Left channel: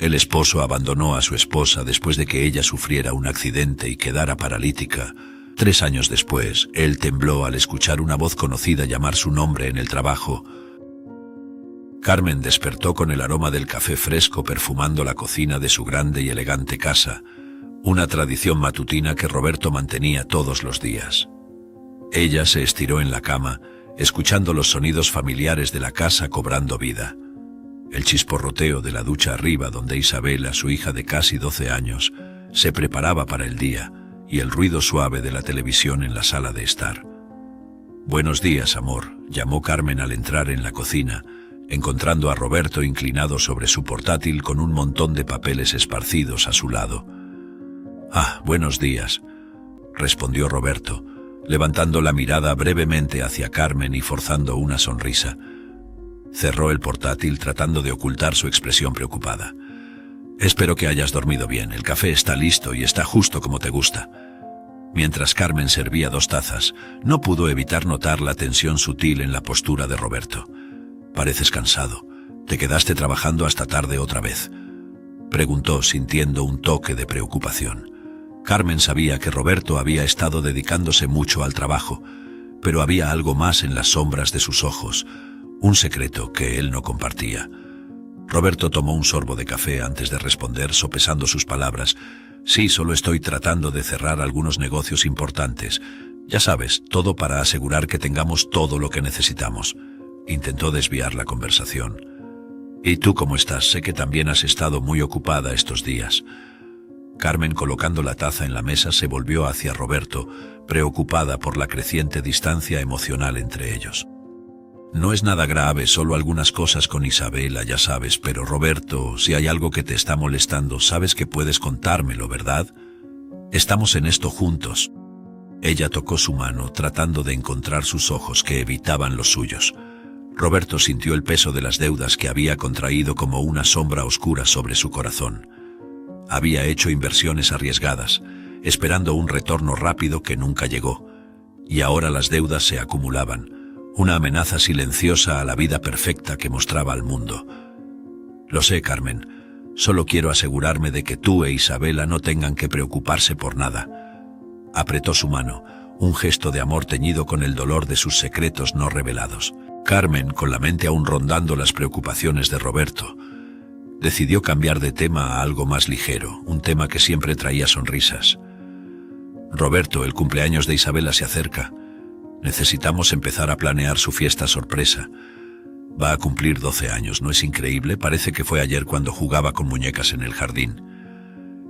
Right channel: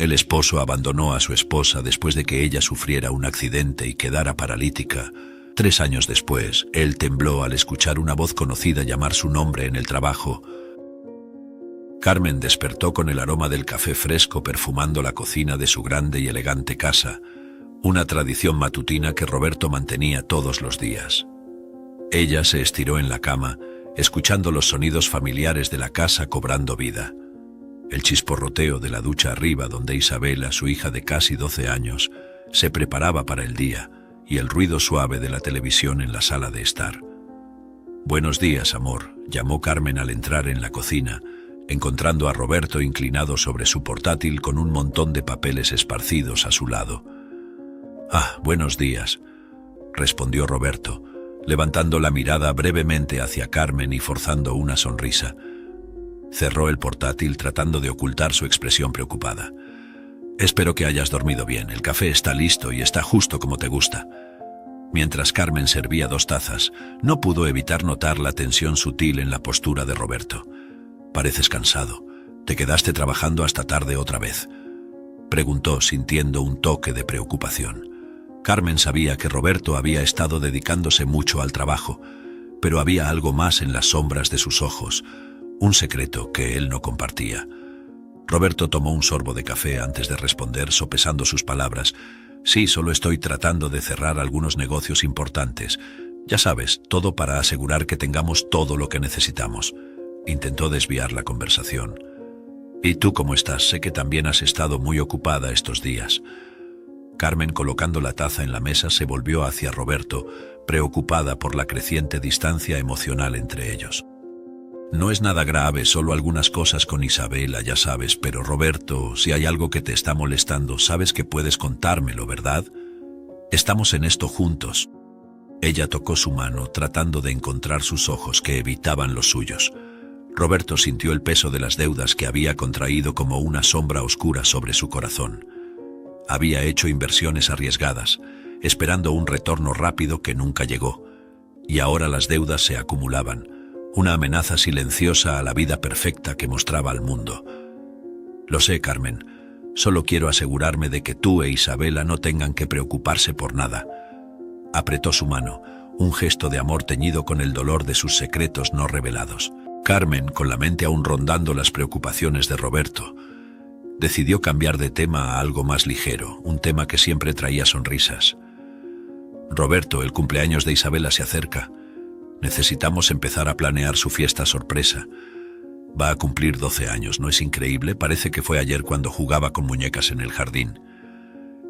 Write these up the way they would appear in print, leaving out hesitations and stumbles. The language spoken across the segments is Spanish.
El esposo abandonó a su esposa después de que ella sufriera un accidente y quedara paralítica. 3 años después, él tembló al escuchar una voz conocida llamar su nombre en el trabajo. Carmen despertó con el aroma del café fresco perfumando la cocina de su grande y elegante casa, una tradición matutina que Roberto mantenía todos los días. Ella se estiró en la cama, escuchando los sonidos familiares de la casa cobrando vida. El chisporroteo de la ducha arriba donde Isabela, su hija de casi 12 años, se preparaba para el día, y el ruido suave de la televisión en la sala de estar. «Buenos días, amor», llamó Carmen al entrar en la cocina, encontrando a Roberto inclinado sobre su portátil con un montón de papeles esparcidos a su lado. «Ah, buenos días», respondió Roberto, levantando la mirada brevemente hacia Carmen y forzando una sonrisa. Cerró el portátil tratando de ocultar su expresión preocupada. «Espero que hayas dormido bien, el café está listo y está justo como te gusta». Mientras Carmen servía 2 tazas, no pudo evitar notar la tensión sutil en la postura de Roberto. «Pareces cansado. ¿Te quedaste trabajando hasta tarde otra vez?», preguntó sintiendo un toque de preocupación. Carmen sabía que Roberto había estado dedicándose mucho al trabajo, pero había algo más en las sombras de sus ojos, un secreto que él no compartía. Roberto tomó un sorbo de café antes de responder, sopesando sus palabras. «Sí, solo estoy tratando de cerrar algunos negocios importantes. Ya sabes, todo para asegurar que tengamos todo lo que necesitamos». Intentó desviar la conversación. «¿Y tú cómo estás? Sé que también has estado muy ocupada estos días». Carmen, colocando la taza en la mesa, se volvió hacia Roberto, preocupada por la creciente distancia emocional entre ellos. «No es nada grave, solo algunas cosas con Isabela, ya sabes, pero Roberto, si hay algo que te está molestando, sabes que puedes contármelo, ¿verdad? Estamos en esto juntos». Ella tocó su mano, tratando de encontrar sus ojos que evitaban los suyos. Roberto sintió el peso de las deudas que había contraído como una sombra oscura sobre su corazón. Había hecho inversiones arriesgadas, esperando un retorno rápido que nunca llegó. Y ahora las deudas se acumulaban, una amenaza silenciosa a la vida perfecta que mostraba al mundo. «Lo sé, Carmen. Solo quiero asegurarme de que tú e Isabela no tengan que preocuparse por nada». Apretó su mano, un gesto de amor teñido con el dolor de sus secretos no revelados. Carmen, con la mente aún rondando las preocupaciones de Roberto, decidió cambiar de tema a algo más ligero, un tema que siempre traía sonrisas. «Roberto, el cumpleaños de Isabela se acerca. Necesitamos empezar a planear su fiesta sorpresa. Va a cumplir 12 años, ¿no es increíble? Parece que fue ayer cuando jugaba con muñecas en el jardín».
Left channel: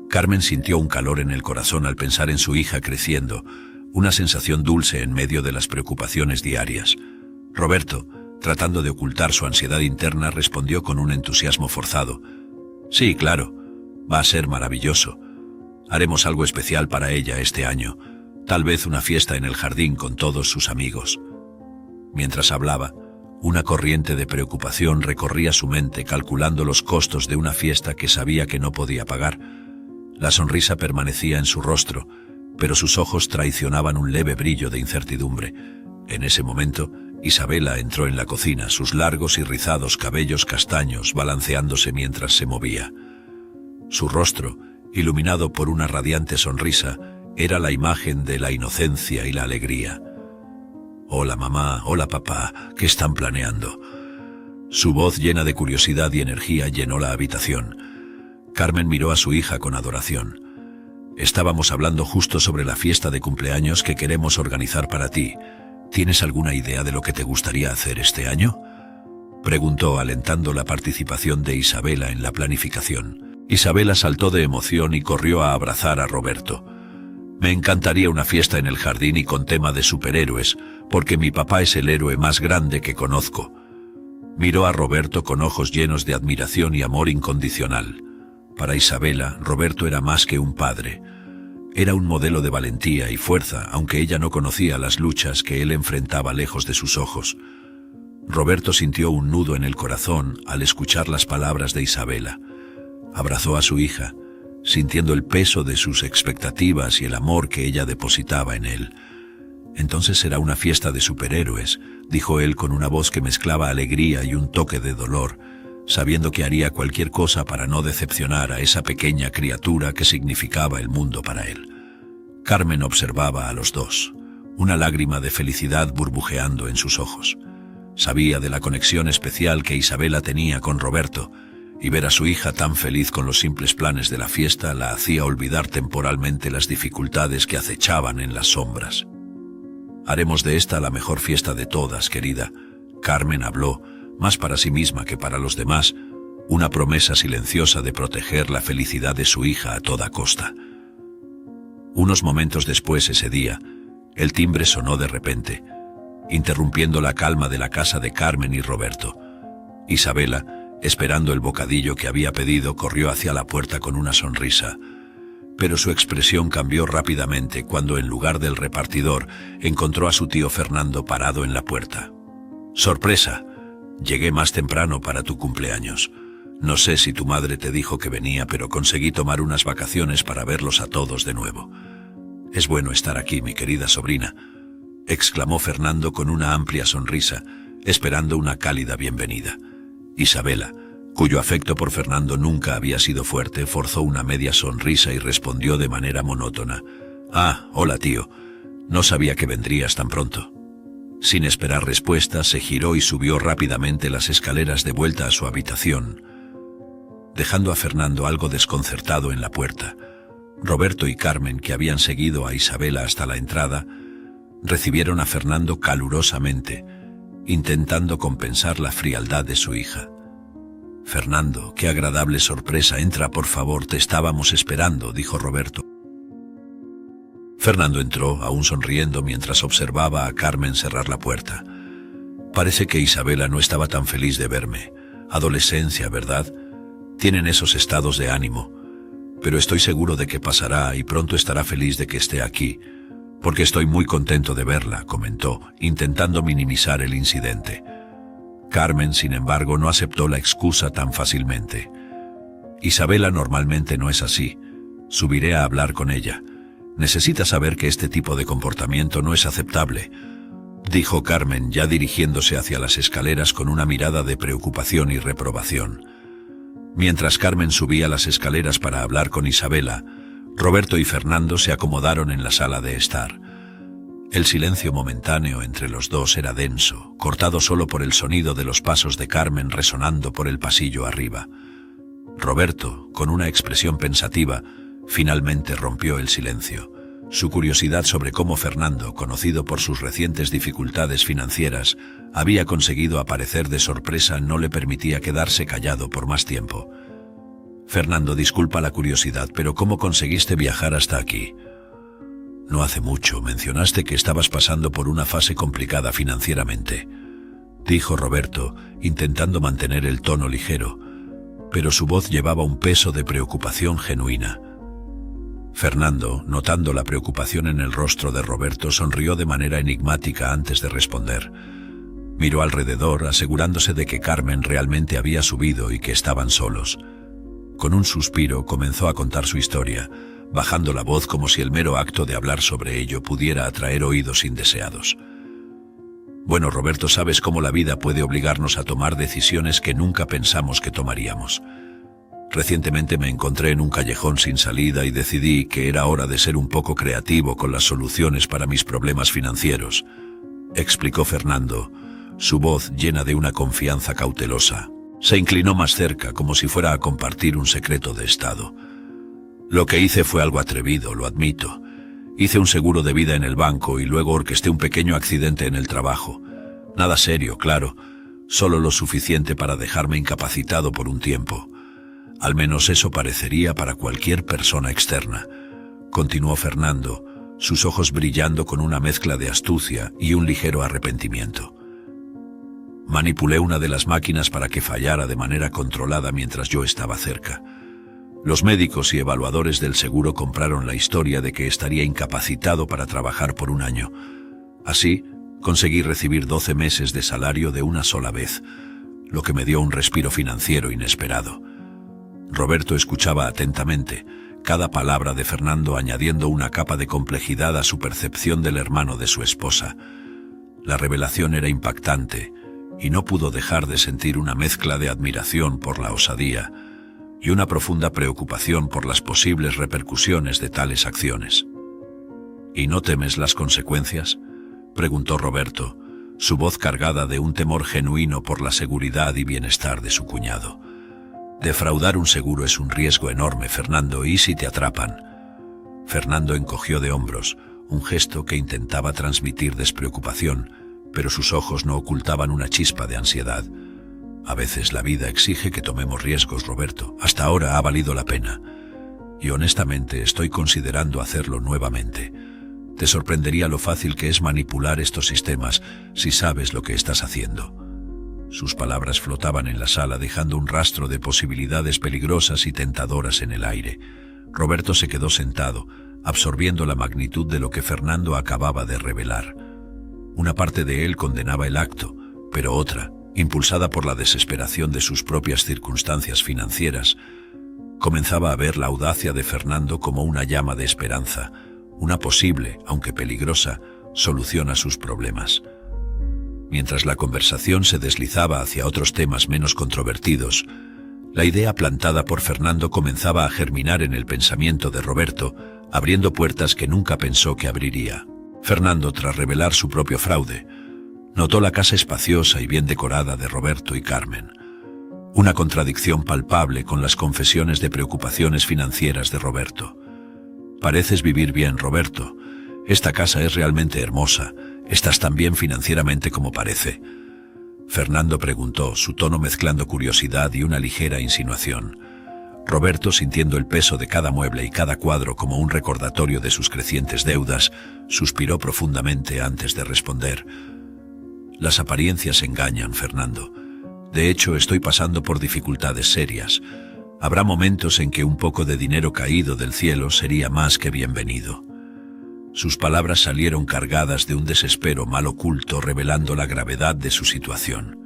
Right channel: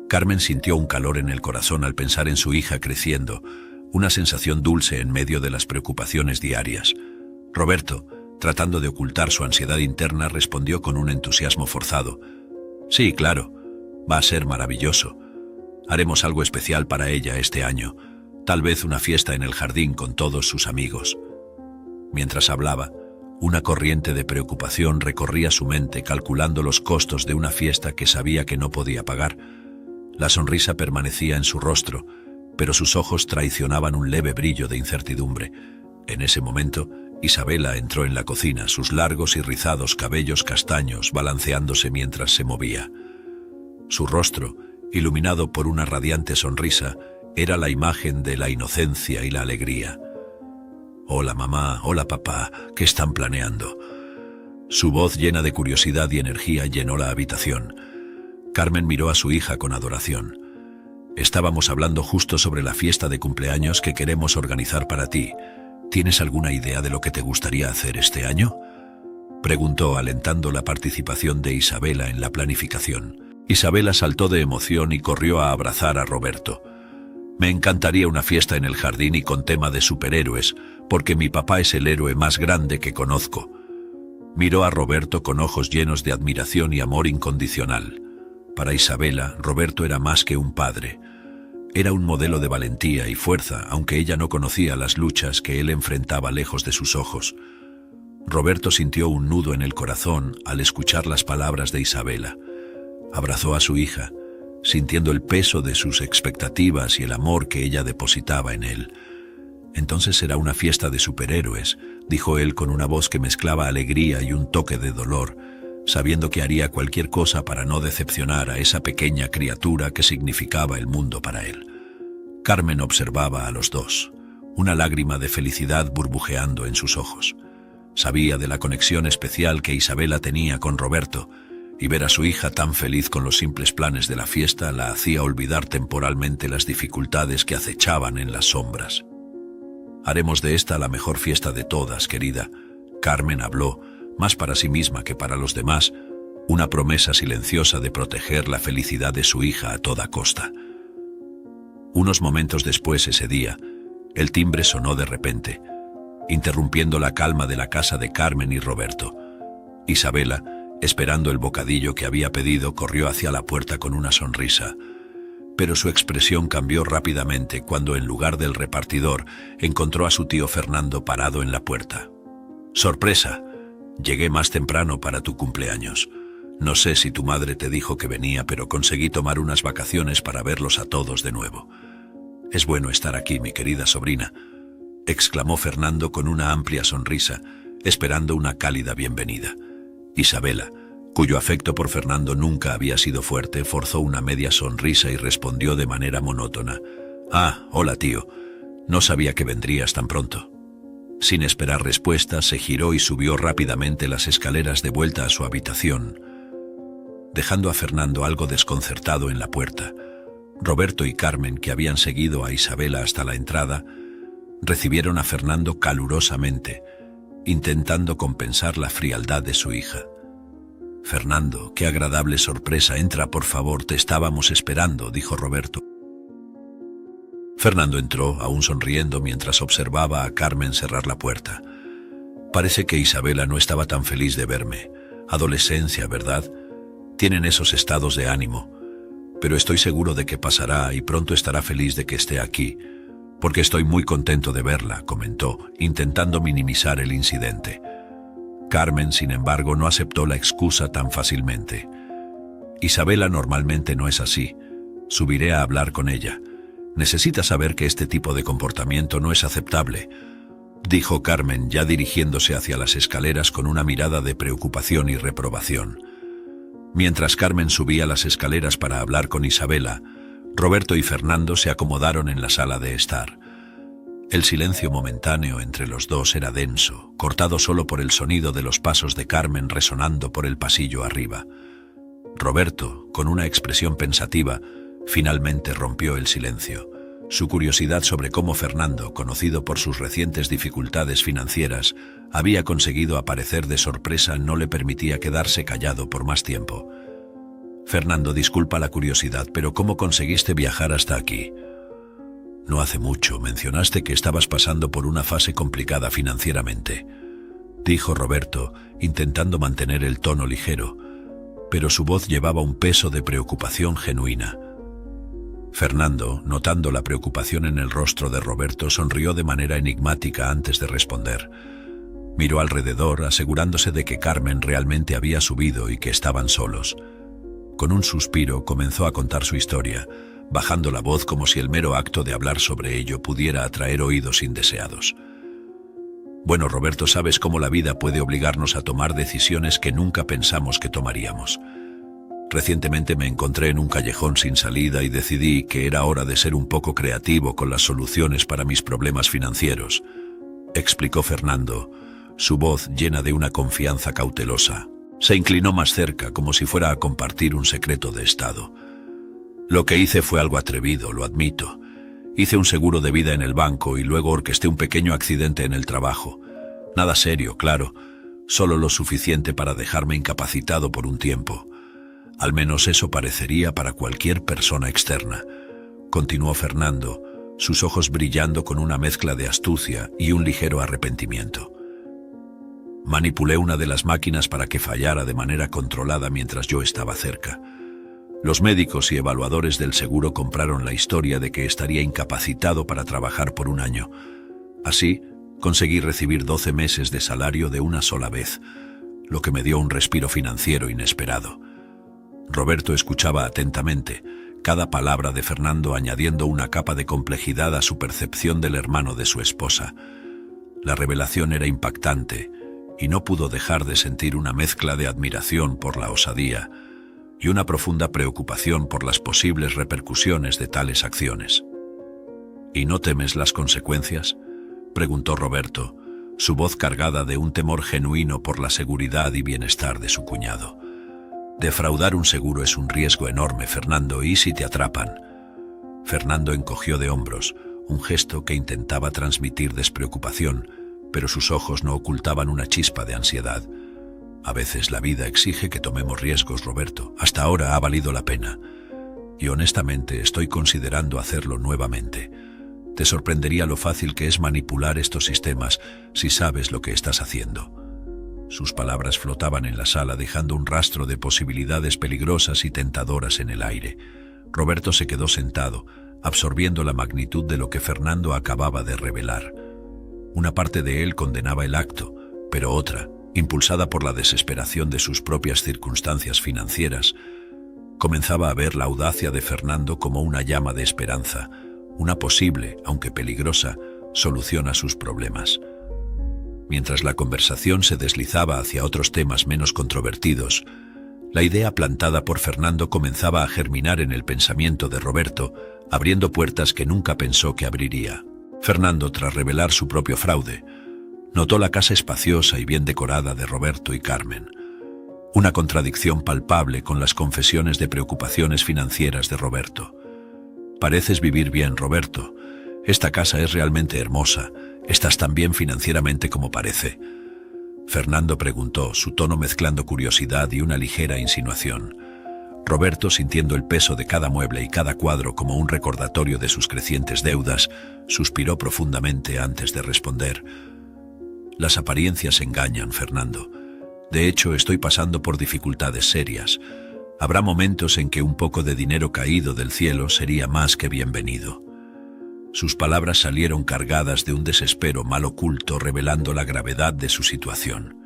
Carmen sintió un calor en el corazón al pensar en su hija creciendo, una sensación dulce en medio de las preocupaciones diarias. Roberto, tratando de ocultar su ansiedad interna, respondió con un entusiasmo forzado. «Sí, claro. Va a ser maravilloso. Haremos algo especial para ella este año. Tal vez una fiesta en el jardín con todos sus amigos». Mientras hablaba, una corriente de preocupación recorría su mente, calculando los costos de una fiesta que sabía que no podía pagar. La sonrisa permanecía en su rostro, pero sus ojos traicionaban un leve brillo de incertidumbre. En ese momento, Isabela entró en la cocina, sus largos y rizados cabellos castaños balanceándose mientras se movía. Su rostro, iluminado por una radiante sonrisa, era la imagen de la inocencia y la alegría. «Hola mamá, hola papá, ¿qué están planeando?». Su voz llena de curiosidad y energía llenó la habitación. Carmen miró a su hija con adoración. «Estábamos hablando justo sobre la fiesta de cumpleaños que queremos organizar para ti. ¿Tienes alguna idea de lo que te gustaría hacer este año?», preguntó, alentando la participación de Isabela en la planificación. Isabela saltó de emoción y corrió a abrazar a Roberto. «Me encantaría una fiesta en el jardín y con tema de superhéroes, porque mi papá es el héroe más grande que conozco». Miró a Roberto con ojos llenos de admiración y amor incondicional. Para Isabela, Roberto era más que un padre. Era un modelo de valentía y fuerza, aunque ella no conocía las luchas que él enfrentaba lejos de sus ojos. Roberto sintió un nudo en el corazón al escuchar las palabras de Isabela. Abrazó a su hija, sintiendo el peso de sus expectativas y el amor que ella depositaba en él. «Entonces será una fiesta de superhéroes», dijo él con una voz que mezclaba alegría y un toque de dolor. sabiendo que haría cualquier cosa para no decepcionar a esa pequeña criatura que significaba el mundo para él. Carmen observaba a los dos, una lágrima de felicidad burbujeando en sus ojos. Sabía de la conexión especial que Isabela tenía con Roberto, y ver a su hija tan feliz con los simples planes de la fiesta la hacía olvidar temporalmente las dificultades que acechaban en las sombras. «Haremos de esta la mejor fiesta de todas, querida», Carmen habló, más para sí misma que para los demás, una promesa silenciosa de proteger la felicidad de su hija a toda costa. Unos momentos después ese día, el timbre sonó de repente, interrumpiendo la calma de la casa de Carmen y Roberto. Isabela, esperando el bocadillo que había pedido, corrió hacia la puerta con una sonrisa, pero su expresión cambió rápidamente cuando en lugar del repartidor encontró a su tío Fernando parado en la puerta. «Sorpresa, llegué más temprano para tu cumpleaños. No sé si tu madre te dijo que venía, pero conseguí tomar unas vacaciones para verlos a todos de nuevo. Es bueno estar aquí, mi querida sobrina», exclamó Fernando con una amplia sonrisa, esperando una cálida bienvenida. Isabela, cuyo afecto por Fernando nunca había sido fuerte, forzó una media sonrisa y respondió de manera monótona: «Ah, hola tío, no sabía que vendrías tan pronto». Sin esperar respuesta, se giró y subió rápidamente las escaleras de vuelta a su habitación, dejando a Fernando algo desconcertado en la puerta. Roberto y Carmen, que habían seguido a Isabela hasta la entrada, recibieron a Fernando calurosamente, intentando compensar la frialdad de su hija. «Fernando, qué agradable sorpresa, entra por favor, te estábamos esperando», dijo Roberto. Fernando entró, aún sonriendo, mientras observaba a Carmen cerrar la puerta. «Parece que Isabela no estaba tan feliz de verme. Adolescencia, ¿verdad? Tienen esos estados de ánimo. Pero estoy seguro de que pasará y pronto estará feliz de que esté aquí, porque estoy muy contento de verla», comentó, intentando minimizar el incidente. Carmen, sin embargo, no aceptó la excusa tan fácilmente. «Isabela normalmente no es así. Subiré a hablar con ella. Necesita saber que este tipo de comportamiento no es aceptable», dijo Carmen, ya dirigiéndose hacia las escaleras con una mirada de preocupación y reprobación. Mientras Carmen subía las escaleras para hablar con Isabela, Roberto y Fernando se acomodaron en la sala de estar. El silencio momentáneo entre los dos era denso, cortado solo por el sonido de los pasos de Carmen resonando por el pasillo arriba. Roberto, con una expresión pensativa, finalmente rompió el silencio. Su curiosidad sobre cómo Fernando, conocido por sus recientes dificultades financieras, había conseguido aparecer de sorpresa no le permitía quedarse callado por más tiempo. «Fernando, disculpa la curiosidad, pero ¿cómo conseguiste viajar hasta aquí?» «No hace mucho mencionaste que estabas pasando por una fase complicada financieramente», dijo Roberto, intentando mantener el tono ligero, pero su voz llevaba un peso de preocupación genuina. Fernando, notando la preocupación en el rostro de Roberto, sonrió de manera enigmática antes de responder. Miró alrededor, asegurándose de que Carmen realmente había subido y que estaban solos. Con un suspiro comenzó a contar su historia, bajando la voz como si el mero acto de hablar sobre ello pudiera atraer oídos indeseados. «Bueno, Roberto, sabes cómo la vida puede obligarnos a tomar decisiones que nunca pensamos que tomaríamos. Recientemente me encontré en un callejón sin salida y decidí que era hora de ser un poco creativo con las soluciones para mis problemas financieros», explicó Fernando, su voz llena de una confianza cautelosa. Se inclinó más cerca, como si fuera a compartir un secreto de estado. «Lo que hice fue algo atrevido, lo admito. Hice un seguro de vida en el banco y luego orquesté un pequeño accidente en el trabajo. Nada serio, claro, solo lo suficiente para dejarme incapacitado por un tiempo. Al menos eso parecería para cualquier persona externa», continuó Fernando, sus ojos brillando con una mezcla de astucia y un ligero arrepentimiento. «Manipulé una de las máquinas para que fallara de manera controlada mientras yo estaba cerca. Los médicos y evaluadores del seguro compraron la historia de que estaría incapacitado para trabajar por un año. Así, conseguí recibir 12 meses de salario de una sola vez, lo que me dio un respiro financiero inesperado». Roberto escuchaba atentamente, cada palabra de Fernando añadiendo una capa de complejidad a su percepción del hermano de su esposa. La revelación era impactante, y no pudo dejar de sentir una mezcla de admiración por la osadía y una profunda preocupación por las posibles repercusiones de tales acciones. ¿Y no temes las consecuencias?, preguntó Roberto, su voz cargada de un temor genuino por la seguridad y bienestar de su cuñado. Defraudar un seguro es un riesgo enorme, Fernando, ¿y si te atrapan? Fernando encogió de hombros, un gesto que intentaba transmitir despreocupación, pero sus ojos no ocultaban una chispa de ansiedad. A veces la vida exige que tomemos riesgos, Roberto. Hasta ahora ha valido la pena. Y honestamente estoy considerando hacerlo nuevamente. Te sorprendería lo fácil que es manipular estos sistemas si sabes lo que estás haciendo. Sus palabras flotaban en la sala, dejando un rastro de posibilidades peligrosas y tentadoras en el aire. Roberto se quedó sentado, absorbiendo la magnitud de lo que Fernando acababa de revelar. Una parte de él condenaba el acto, pero otra, impulsada por la desesperación de sus propias circunstancias financieras, comenzaba a ver la audacia de Fernando como una llama de esperanza, una posible, aunque peligrosa, solución a sus problemas. Mientras la conversación se deslizaba hacia otros temas menos controvertidos, la idea plantada por Fernando comenzaba a germinar en el pensamiento de Roberto, abriendo puertas que nunca pensó que abriría. Fernando, tras revelar su propio fraude, notó la casa espaciosa y bien decorada de Roberto y Carmen, una contradicción palpable con las confesiones de preocupaciones financieras de Roberto. Pareces vivir bien, Roberto. Esta casa es realmente hermosa. ¿Estás tan bien financieramente como parece?, Fernando preguntó, su tono mezclando curiosidad y una ligera insinuación. Roberto, sintiendo el peso de cada mueble y cada cuadro como un recordatorio de sus crecientes deudas, suspiró profundamente antes de responder. Las apariencias engañan, Fernando. De hecho, estoy pasando por dificultades serias. Habrá momentos en que un poco de dinero caído del cielo sería más que bienvenido. Sus palabras salieron cargadas de un desespero mal oculto, revelando la gravedad de su situación.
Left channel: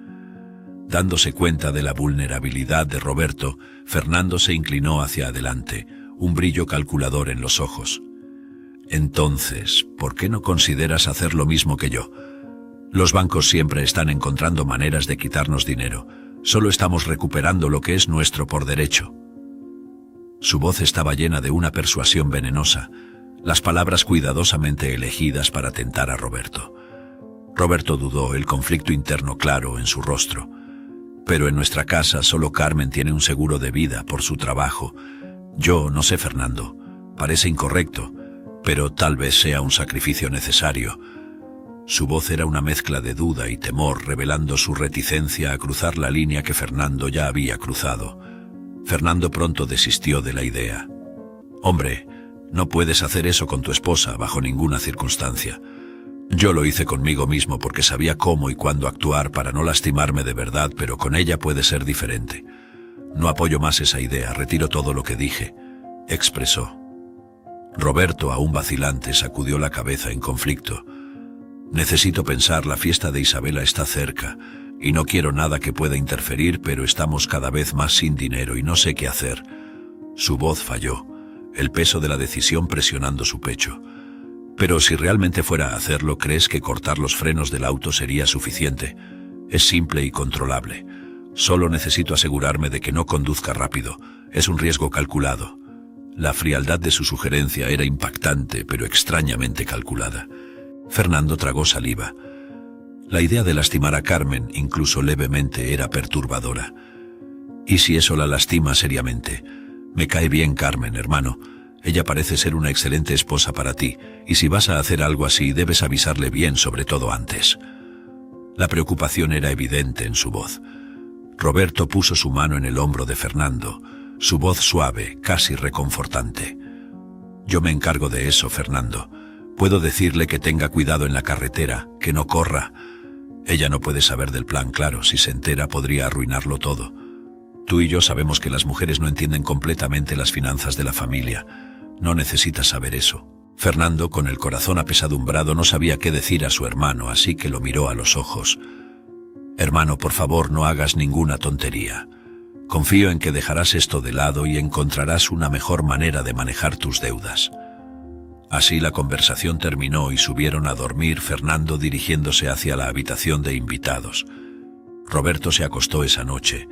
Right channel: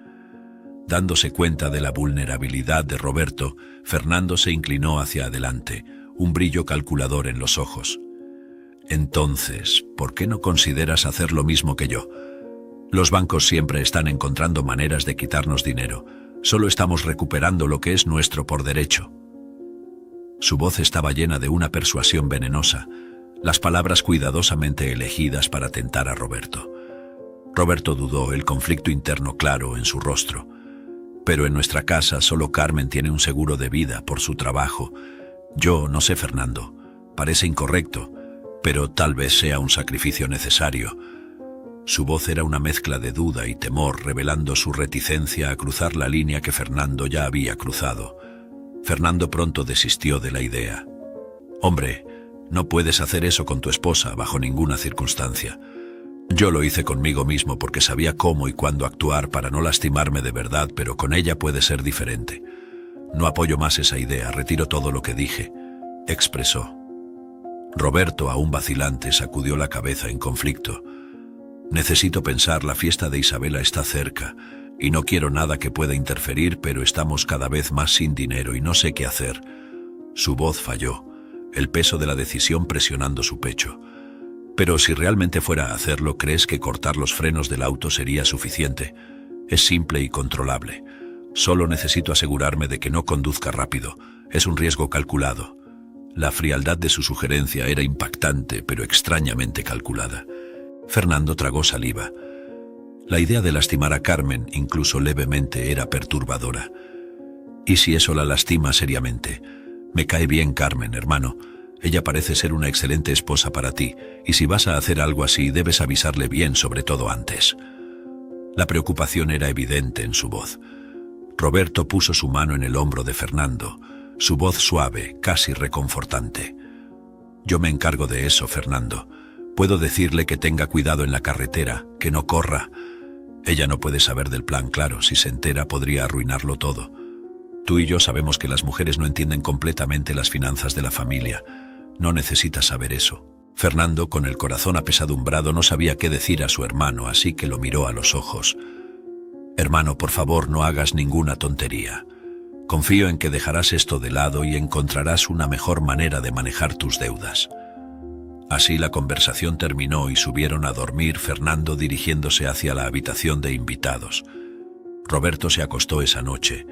Dándose cuenta de la vulnerabilidad de Roberto, Fernando se inclinó hacia adelante, un brillo calculador en los ojos. Entonces, ¿por qué no consideras hacer lo mismo que yo? Los bancos siempre están encontrando maneras de quitarnos dinero. Solo estamos recuperando lo que es nuestro por derecho. Su voz estaba llena de una persuasión venenosa, las palabras cuidadosamente elegidas para tentar a Roberto. Roberto dudó, el conflicto interno claro en su rostro. Pero en nuestra casa solo Carmen tiene un seguro de vida por su trabajo. Yo no sé, Fernando. Parece incorrecto, pero tal vez sea un sacrificio necesario. Su voz era una mezcla de duda y temor, revelando su reticencia a cruzar la línea que Fernando ya había cruzado. Fernando pronto desistió de la idea. Hombre, no puedes hacer eso con tu esposa bajo ninguna circunstancia. Yo lo hice conmigo mismo porque sabía cómo y cuándo actuar para no lastimarme de verdad, pero con ella puede ser diferente. No apoyo más esa idea, retiro todo lo que dije, expresó. Roberto, aún vacilante, sacudió la cabeza en conflicto. Necesito pensar, la fiesta de Isabela está cerca, y no quiero nada que pueda interferir, pero estamos cada vez más sin dinero y no sé qué hacer. Su voz falló, el peso de la decisión presionando su pecho. Pero si realmente fuera a hacerlo, ¿crees que cortar los frenos del auto sería suficiente? Es simple y controlable. Solo necesito asegurarme de que no conduzca rápido. Es un riesgo calculado. La frialdad de su sugerencia era impactante, pero extrañamente calculada. Fernando tragó saliva. La idea de lastimar a Carmen, incluso levemente, era perturbadora. ¿Y si eso la lastima seriamente? Me cae bien Carmen, hermano. Ella parece ser una excelente esposa para ti, y si vas a hacer algo así, debes avisarle bien, sobre todo antes. La preocupación era evidente en su voz. Roberto puso su mano en el hombro de Fernando, su voz suave, casi reconfortante. Yo me encargo de eso, Fernando. Puedo decirle que tenga cuidado en la carretera, que no corra. Ella no puede saber del plan, claro, si se entera podría arruinarlo todo. Tú y yo sabemos que las mujeres no entienden completamente las finanzas de la familia. No necesitas saber eso. Fernando, con el corazón apesadumbrado, no sabía qué decir a su hermano, así que lo miró a los ojos. Hermano, por favor, no hagas ninguna tontería. Confío en que dejarás esto de lado y encontrarás una mejor manera de manejar tus deudas. Así la conversación terminó y subieron a dormir, Fernando dirigiéndose hacia la habitación de invitados. Roberto se acostó esa noche,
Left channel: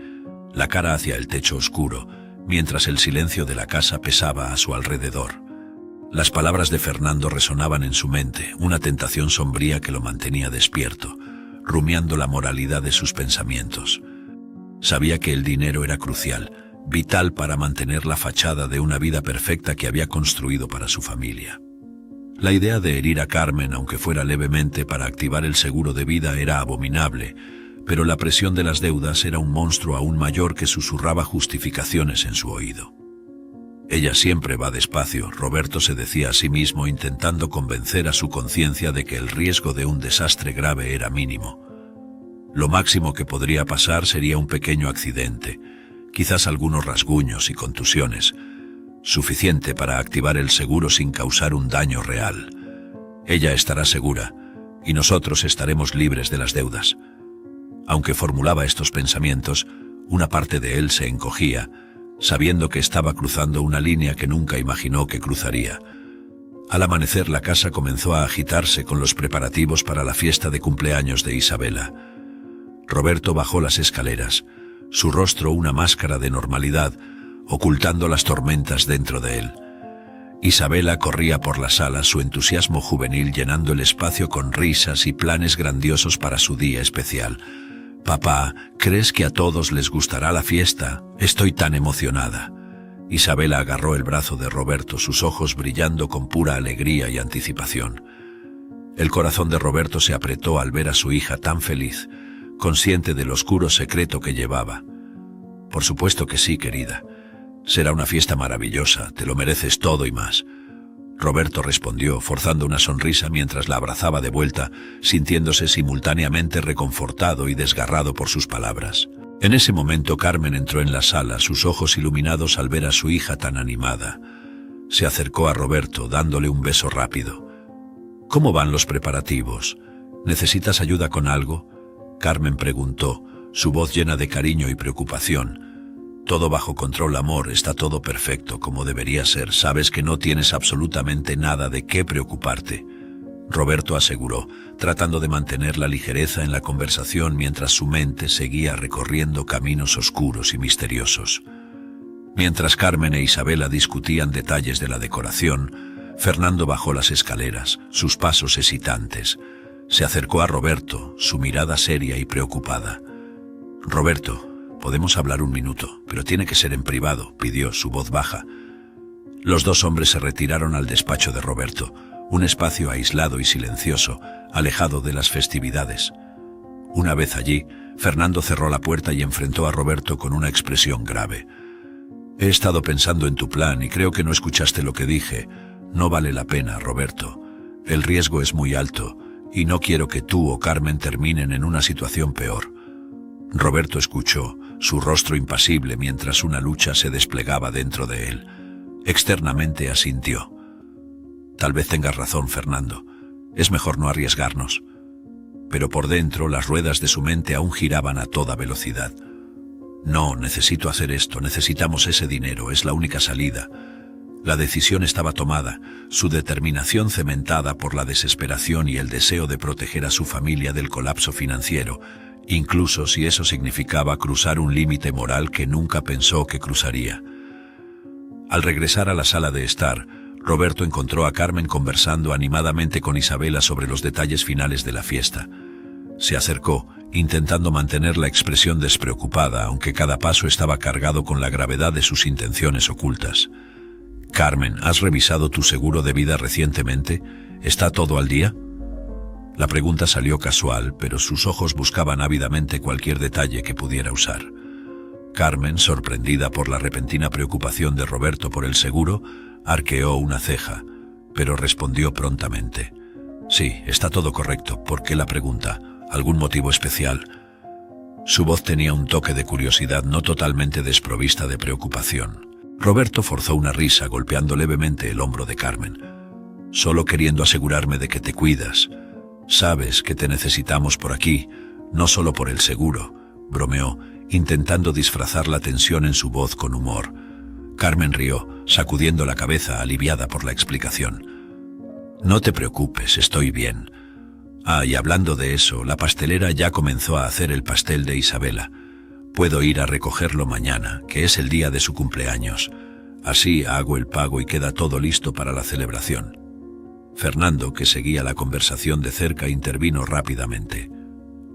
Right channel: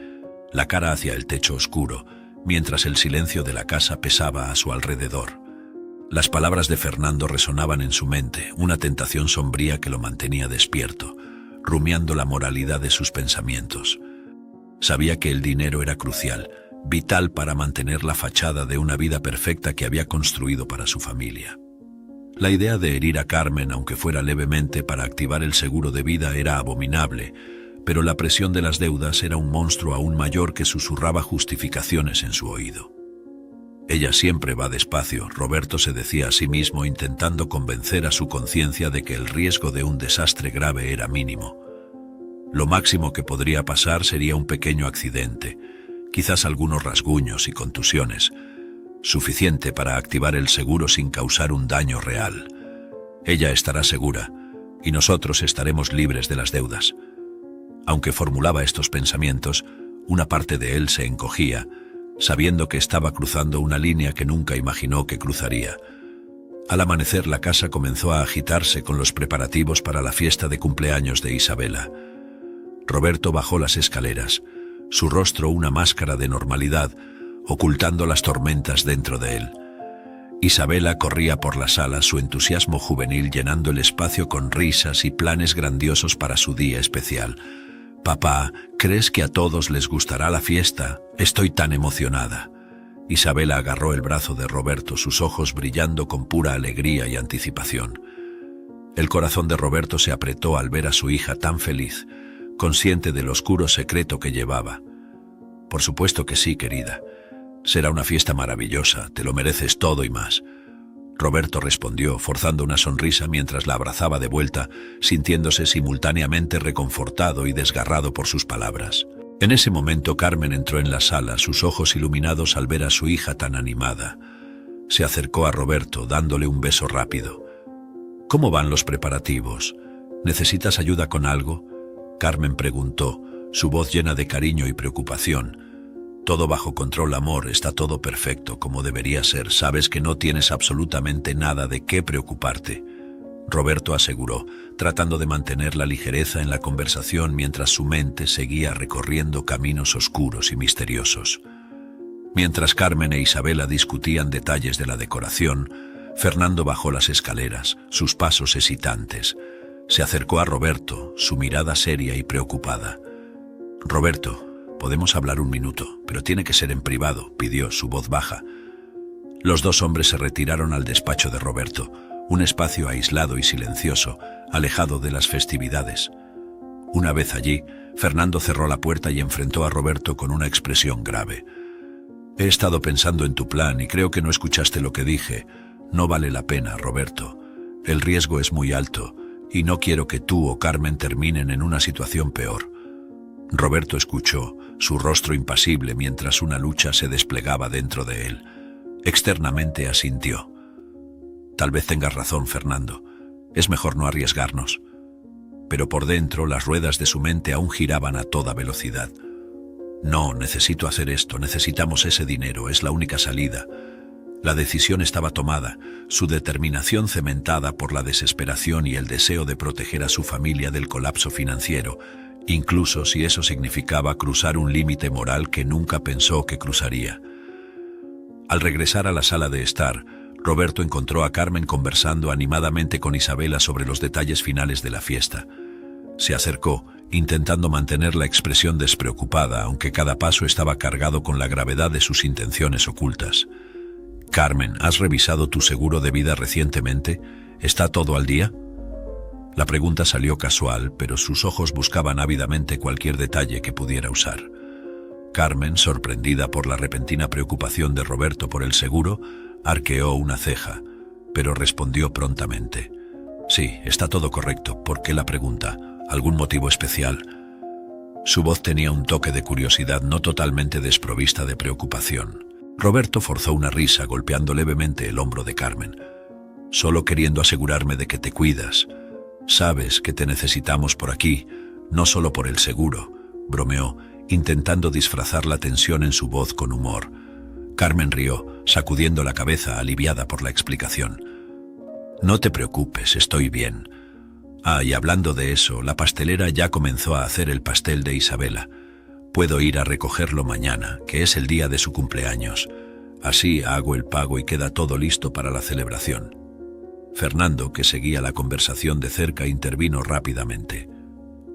la cara hacia el techo oscuro, mientras el silencio de la casa pesaba a su alrededor. Las palabras de Fernando resonaban en su mente, una tentación sombría que lo mantenía despierto, rumiando la moralidad de sus pensamientos. Sabía que el dinero era crucial, vital para mantener la fachada de una vida perfecta que había construido para su familia. La idea de herir a Carmen, aunque fuera levemente, para activar el seguro de vida era abominable, pero la presión de las deudas era un monstruo aún mayor que susurraba justificaciones en su oído. Ella siempre va despacio, Roberto se decía a sí mismo, intentando convencer a su conciencia de que el riesgo de un desastre grave era mínimo. Lo máximo que podría pasar sería un pequeño accidente, quizás algunos rasguños y contusiones, suficiente para activar el seguro sin causar un daño real. Ella estará segura, y nosotros estaremos libres de las deudas. Aunque formulaba estos pensamientos, una parte de él se encogía, sabiendo que estaba cruzando una línea que nunca imaginó que cruzaría. Al amanecer la casa comenzó a agitarse con los preparativos para la fiesta de cumpleaños de Isabela. Roberto bajó las escaleras, su rostro una máscara de normalidad, ocultando las tormentas dentro de él. Isabela corría por la sala, su entusiasmo juvenil llenando el espacio con risas y planes grandiosos para su día especial. «Papá, ¿crees que a todos les gustará la fiesta? Estoy tan emocionada». Isabela agarró el brazo de Roberto, sus ojos brillando con pura alegría y anticipación. El corazón de Roberto se apretó al ver a su hija tan feliz, consciente del oscuro secreto que llevaba. «Por supuesto que sí, querida. Será una fiesta maravillosa, te lo mereces todo y más». Roberto respondió, forzando una sonrisa mientras la abrazaba de vuelta, sintiéndose simultáneamente reconfortado y desgarrado por sus palabras. En ese momento Carmen entró en la sala, sus ojos iluminados al ver a su hija tan animada. Se acercó a Roberto, dándole un beso rápido. «¿Cómo van los preparativos? ¿Necesitas ayuda con algo?», Carmen preguntó, su voz llena de cariño y preocupación. «Todo bajo control, amor, está todo perfecto como debería ser, sabes que no tienes absolutamente nada de qué preocuparte», Roberto aseguró, tratando de mantener la ligereza en la conversación mientras su mente seguía recorriendo caminos oscuros y misteriosos. Mientras Carmen e Isabela discutían detalles de la decoración, Fernando bajó las escaleras, sus pasos hesitantes. Se acercó a Roberto, su mirada seria y preocupada. «Roberto, podemos hablar un minuto, pero tiene que ser en privado», pidió, su voz baja. Los dos hombres se retiraron al despacho de Roberto, un espacio aislado y silencioso, alejado de las festividades. Una vez allí, Fernando cerró la puerta y enfrentó a Roberto con una expresión grave. «He estado pensando en tu plan y creo que no escuchaste lo que dije. No vale la pena, Roberto. El riesgo es muy alto y no quiero que tú o Carmen terminen en una situación peor». Roberto escuchó, su rostro impasible mientras una lucha se desplegaba dentro de él. Externamente asintió. «Tal vez tengas razón, Fernando. Es mejor no arriesgarnos». Pero por dentro las ruedas de su mente aún giraban a toda velocidad. «No, necesito hacer esto, necesitamos ese dinero, es la única salida». La decisión estaba tomada, su determinación cementada por la desesperación y el deseo de proteger a su familia del colapso financiero, incluso si eso significaba cruzar un límite moral que nunca pensó que cruzaría. Al regresar a la sala de estar, Roberto encontró a Carmen conversando animadamente con Isabela sobre los detalles finales de la fiesta. Se acercó, intentando mantener la expresión despreocupada, aunque cada paso estaba cargado con la gravedad de sus intenciones ocultas. «Carmen, ¿has revisado tu seguro de vida recientemente? ¿Está todo al día?». La pregunta salió casual, pero sus ojos buscaban ávidamente cualquier detalle que pudiera usar. Carmen, sorprendida por la repentina preocupación de Roberto por el seguro, arqueó una ceja, pero respondió prontamente. «Sí, está todo correcto. ¿Por qué la pregunta? ¿Algún motivo especial?». Su voz tenía un toque de curiosidad no totalmente desprovista de preocupación. Roberto forzó una risa golpeando levemente el hombro de Carmen. «Solo queriendo asegurarme de que te cuidas. Sabes que te necesitamos por aquí, no solo por el seguro», bromeó, intentando disfrazar la tensión en su voz con humor. Carmen rió, sacudiendo la cabeza aliviada por la explicación. «No te preocupes, estoy bien. Ah, y hablando de eso, la pastelera ya comenzó a hacer el pastel de Isabela. Puedo ir a recogerlo mañana, que es el día de su cumpleaños. Así hago el pago y queda todo listo para la celebración. Fernando, que seguía la conversación de cerca, intervino rápidamente.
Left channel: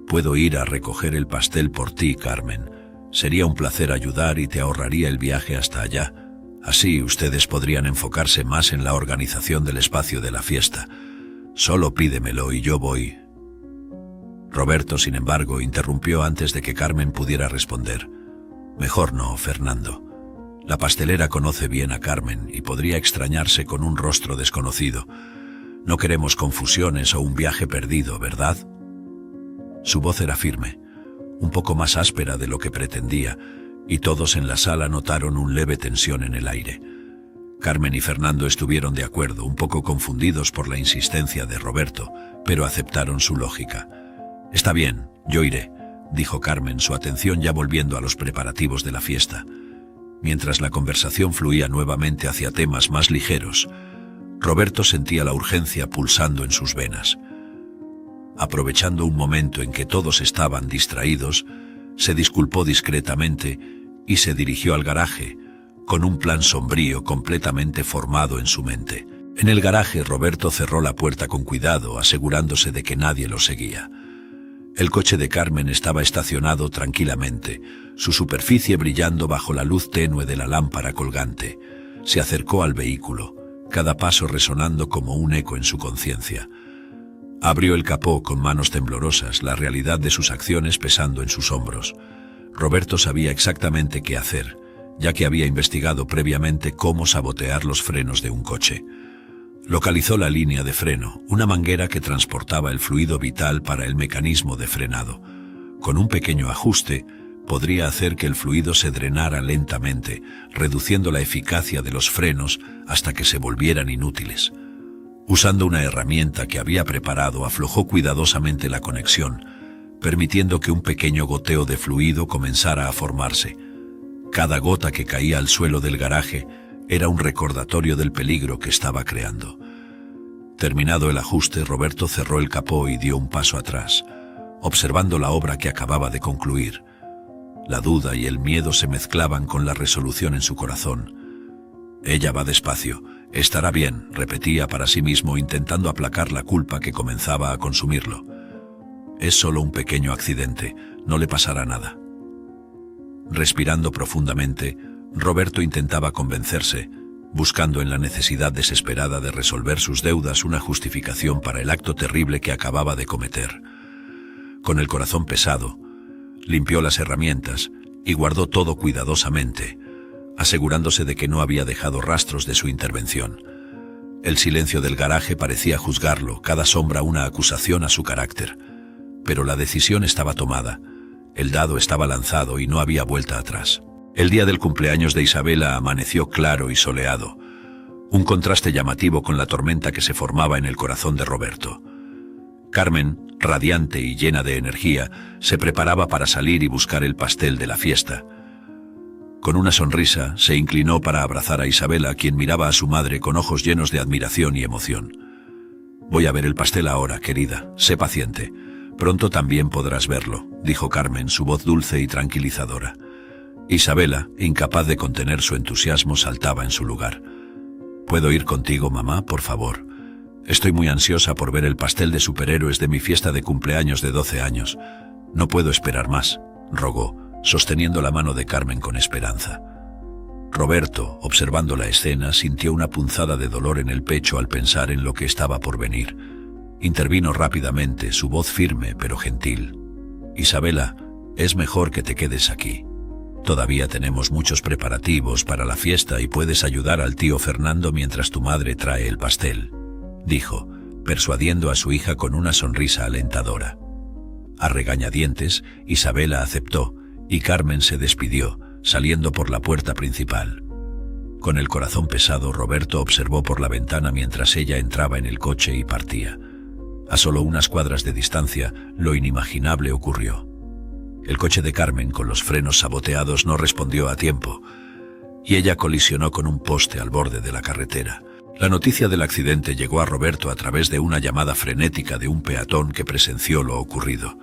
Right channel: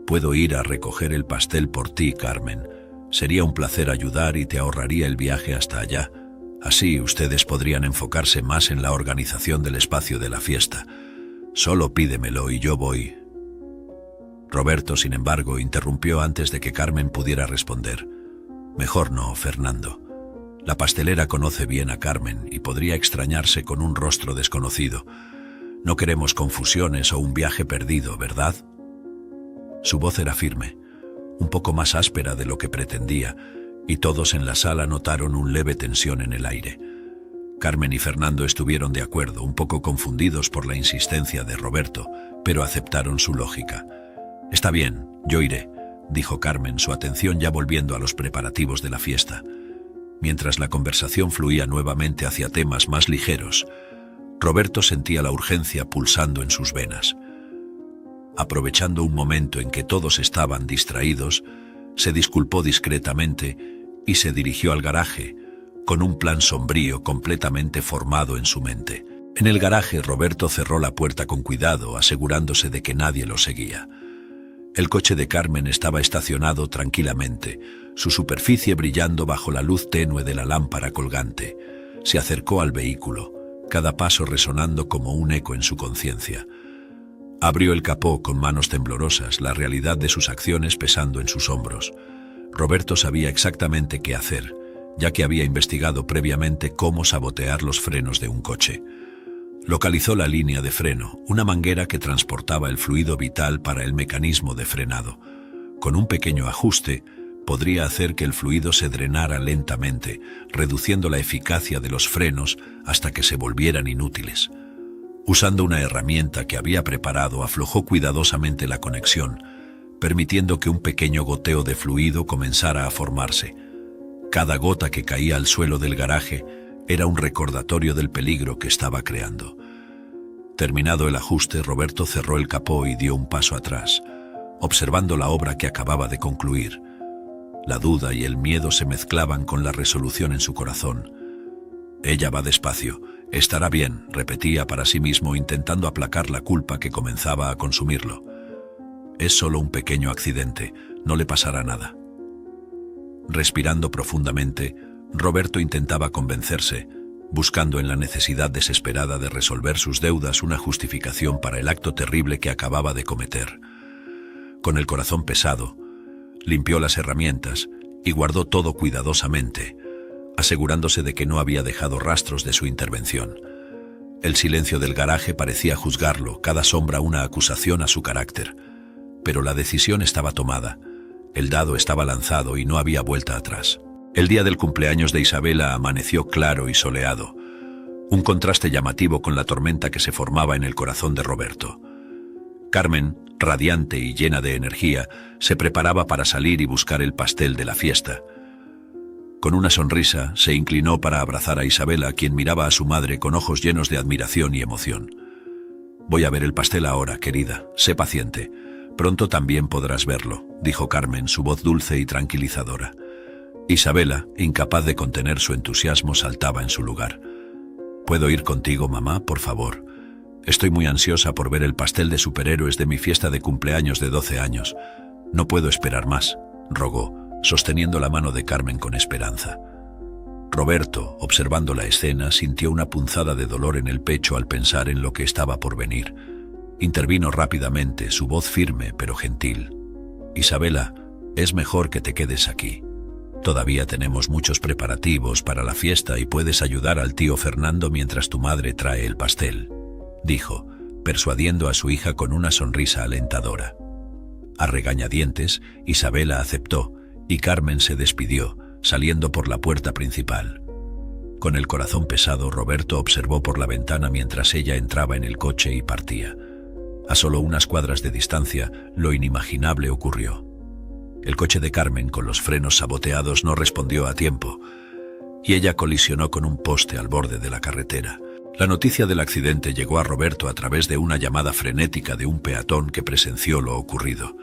Puedo ir a recoger el pastel por ti, Carmen. Sería un placer ayudar y te ahorraría el viaje hasta allá. Así ustedes podrían enfocarse más en la organización del espacio de la fiesta. Solo pídemelo y yo voy. Roberto, sin embargo, interrumpió antes de que Carmen pudiera responder. Mejor no, Fernando. La pastelera conoce bien a Carmen y podría extrañarse con un rostro desconocido. No queremos confusiones o un viaje perdido, ¿verdad? Su voz era firme, un poco más áspera de lo que pretendía, y todos en la sala notaron una leve tensión en el aire. Carmen y Fernando estuvieron de acuerdo, un poco confundidos por la insistencia de Roberto, pero aceptaron su lógica. Está bien, yo iré, dijo Carmen, su atención ya volviendo a los preparativos de la fiesta. Mientras la conversación fluía nuevamente hacia temas más ligeros, Roberto sentía la urgencia pulsando en sus venas. Aprovechando un momento en que todos estaban distraídos, se disculpó discretamente y se dirigió al garaje, con un plan sombrío completamente formado en su mente. En el garaje, Roberto cerró la puerta con cuidado, asegurándose de que nadie lo seguía. El coche de Carmen estaba estacionado tranquilamente, su superficie brillando bajo la luz tenue de la lámpara colgante. Se acercó al vehículo, cada paso resonando como un eco en su conciencia. Abrió el capó con manos temblorosas, la realidad de sus acciones pesando en sus hombros. Roberto sabía exactamente qué hacer, ya que había investigado previamente cómo sabotear los frenos de un coche. Localizó la línea de freno, una manguera que transportaba el fluido vital para el mecanismo de frenado. Con un pequeño ajuste, podría hacer que el fluido se drenara lentamente, reduciendo la eficacia de los frenos hasta que se volvieran inútiles. Usando una herramienta que había preparado, aflojó cuidadosamente la conexión, permitiendo que un pequeño goteo de fluido comenzara a formarse. Cada gota que caía al suelo del garaje era un recordatorio del peligro que estaba creando. Terminado el ajuste, Roberto cerró el capó y dio un paso atrás, observando la obra que acababa de concluir. La duda y el miedo se mezclaban con la resolución en su corazón. Ella va despacio. Estará bien, repetía para sí mismo, intentando aplacar la culpa que comenzaba a consumirlo. Es solo un pequeño accidente, no le pasará nada. Respirando profundamente, Roberto intentaba convencerse, buscando en la necesidad desesperada de resolver sus deudas una justificación para el acto terrible que acababa de cometer. Con el corazón pesado, limpió las herramientas y guardó todo cuidadosamente, asegurándose de que no había dejado rastros de su intervención. El silencio del garaje parecía juzgarlo, cada sombra una acusación a su carácter. Pero la decisión estaba tomada, el dado estaba lanzado y no había vuelta atrás. El día del cumpleaños de Isabela amaneció claro y soleado, un contraste llamativo con la tormenta que se formaba en el corazón de Roberto. Carmen, radiante y llena de energía, se preparaba para salir y buscar el pastel de la fiesta. Con una sonrisa, se inclinó para abrazar a Isabela, quien miraba a su madre con ojos llenos de admiración y emoción. Voy a ver el pastel ahora, querida, sé paciente. Pronto también podrás verlo, dijo Carmen, su voz dulce y tranquilizadora. Isabela, incapaz de contener su entusiasmo, saltaba en su lugar. ¿Puedo ir contigo, mamá, por favor? Estoy muy ansiosa por ver el pastel de superhéroes de mi fiesta de cumpleaños de 12 años. No puedo esperar más, rogó, sosteniendo la mano de Carmen con esperanza. Roberto, observando la escena, sintió una punzada de dolor en el pecho al pensar en lo que estaba por venir. Intervino rápidamente, su voz firme pero gentil. Isabela, es mejor que te quedes aquí. Todavía tenemos muchos preparativos para la fiesta y puedes ayudar al tío Fernando mientras tu madre trae el pastel, dijo, persuadiendo a su hija con una sonrisa alentadora. A regañadientes, Isabela aceptó, y Carmen se despidió, saliendo por la puerta principal. Con el corazón pesado, Roberto observó por la ventana mientras ella entraba en el coche y partía. A solo unas cuadras de distancia, lo inimaginable ocurrió. El coche de Carmen, con los frenos saboteados, no respondió a tiempo, y ella colisionó con un poste al borde de la carretera. La noticia del accidente llegó a Roberto a través de una llamada frenética de un peatón que presenció lo ocurrido.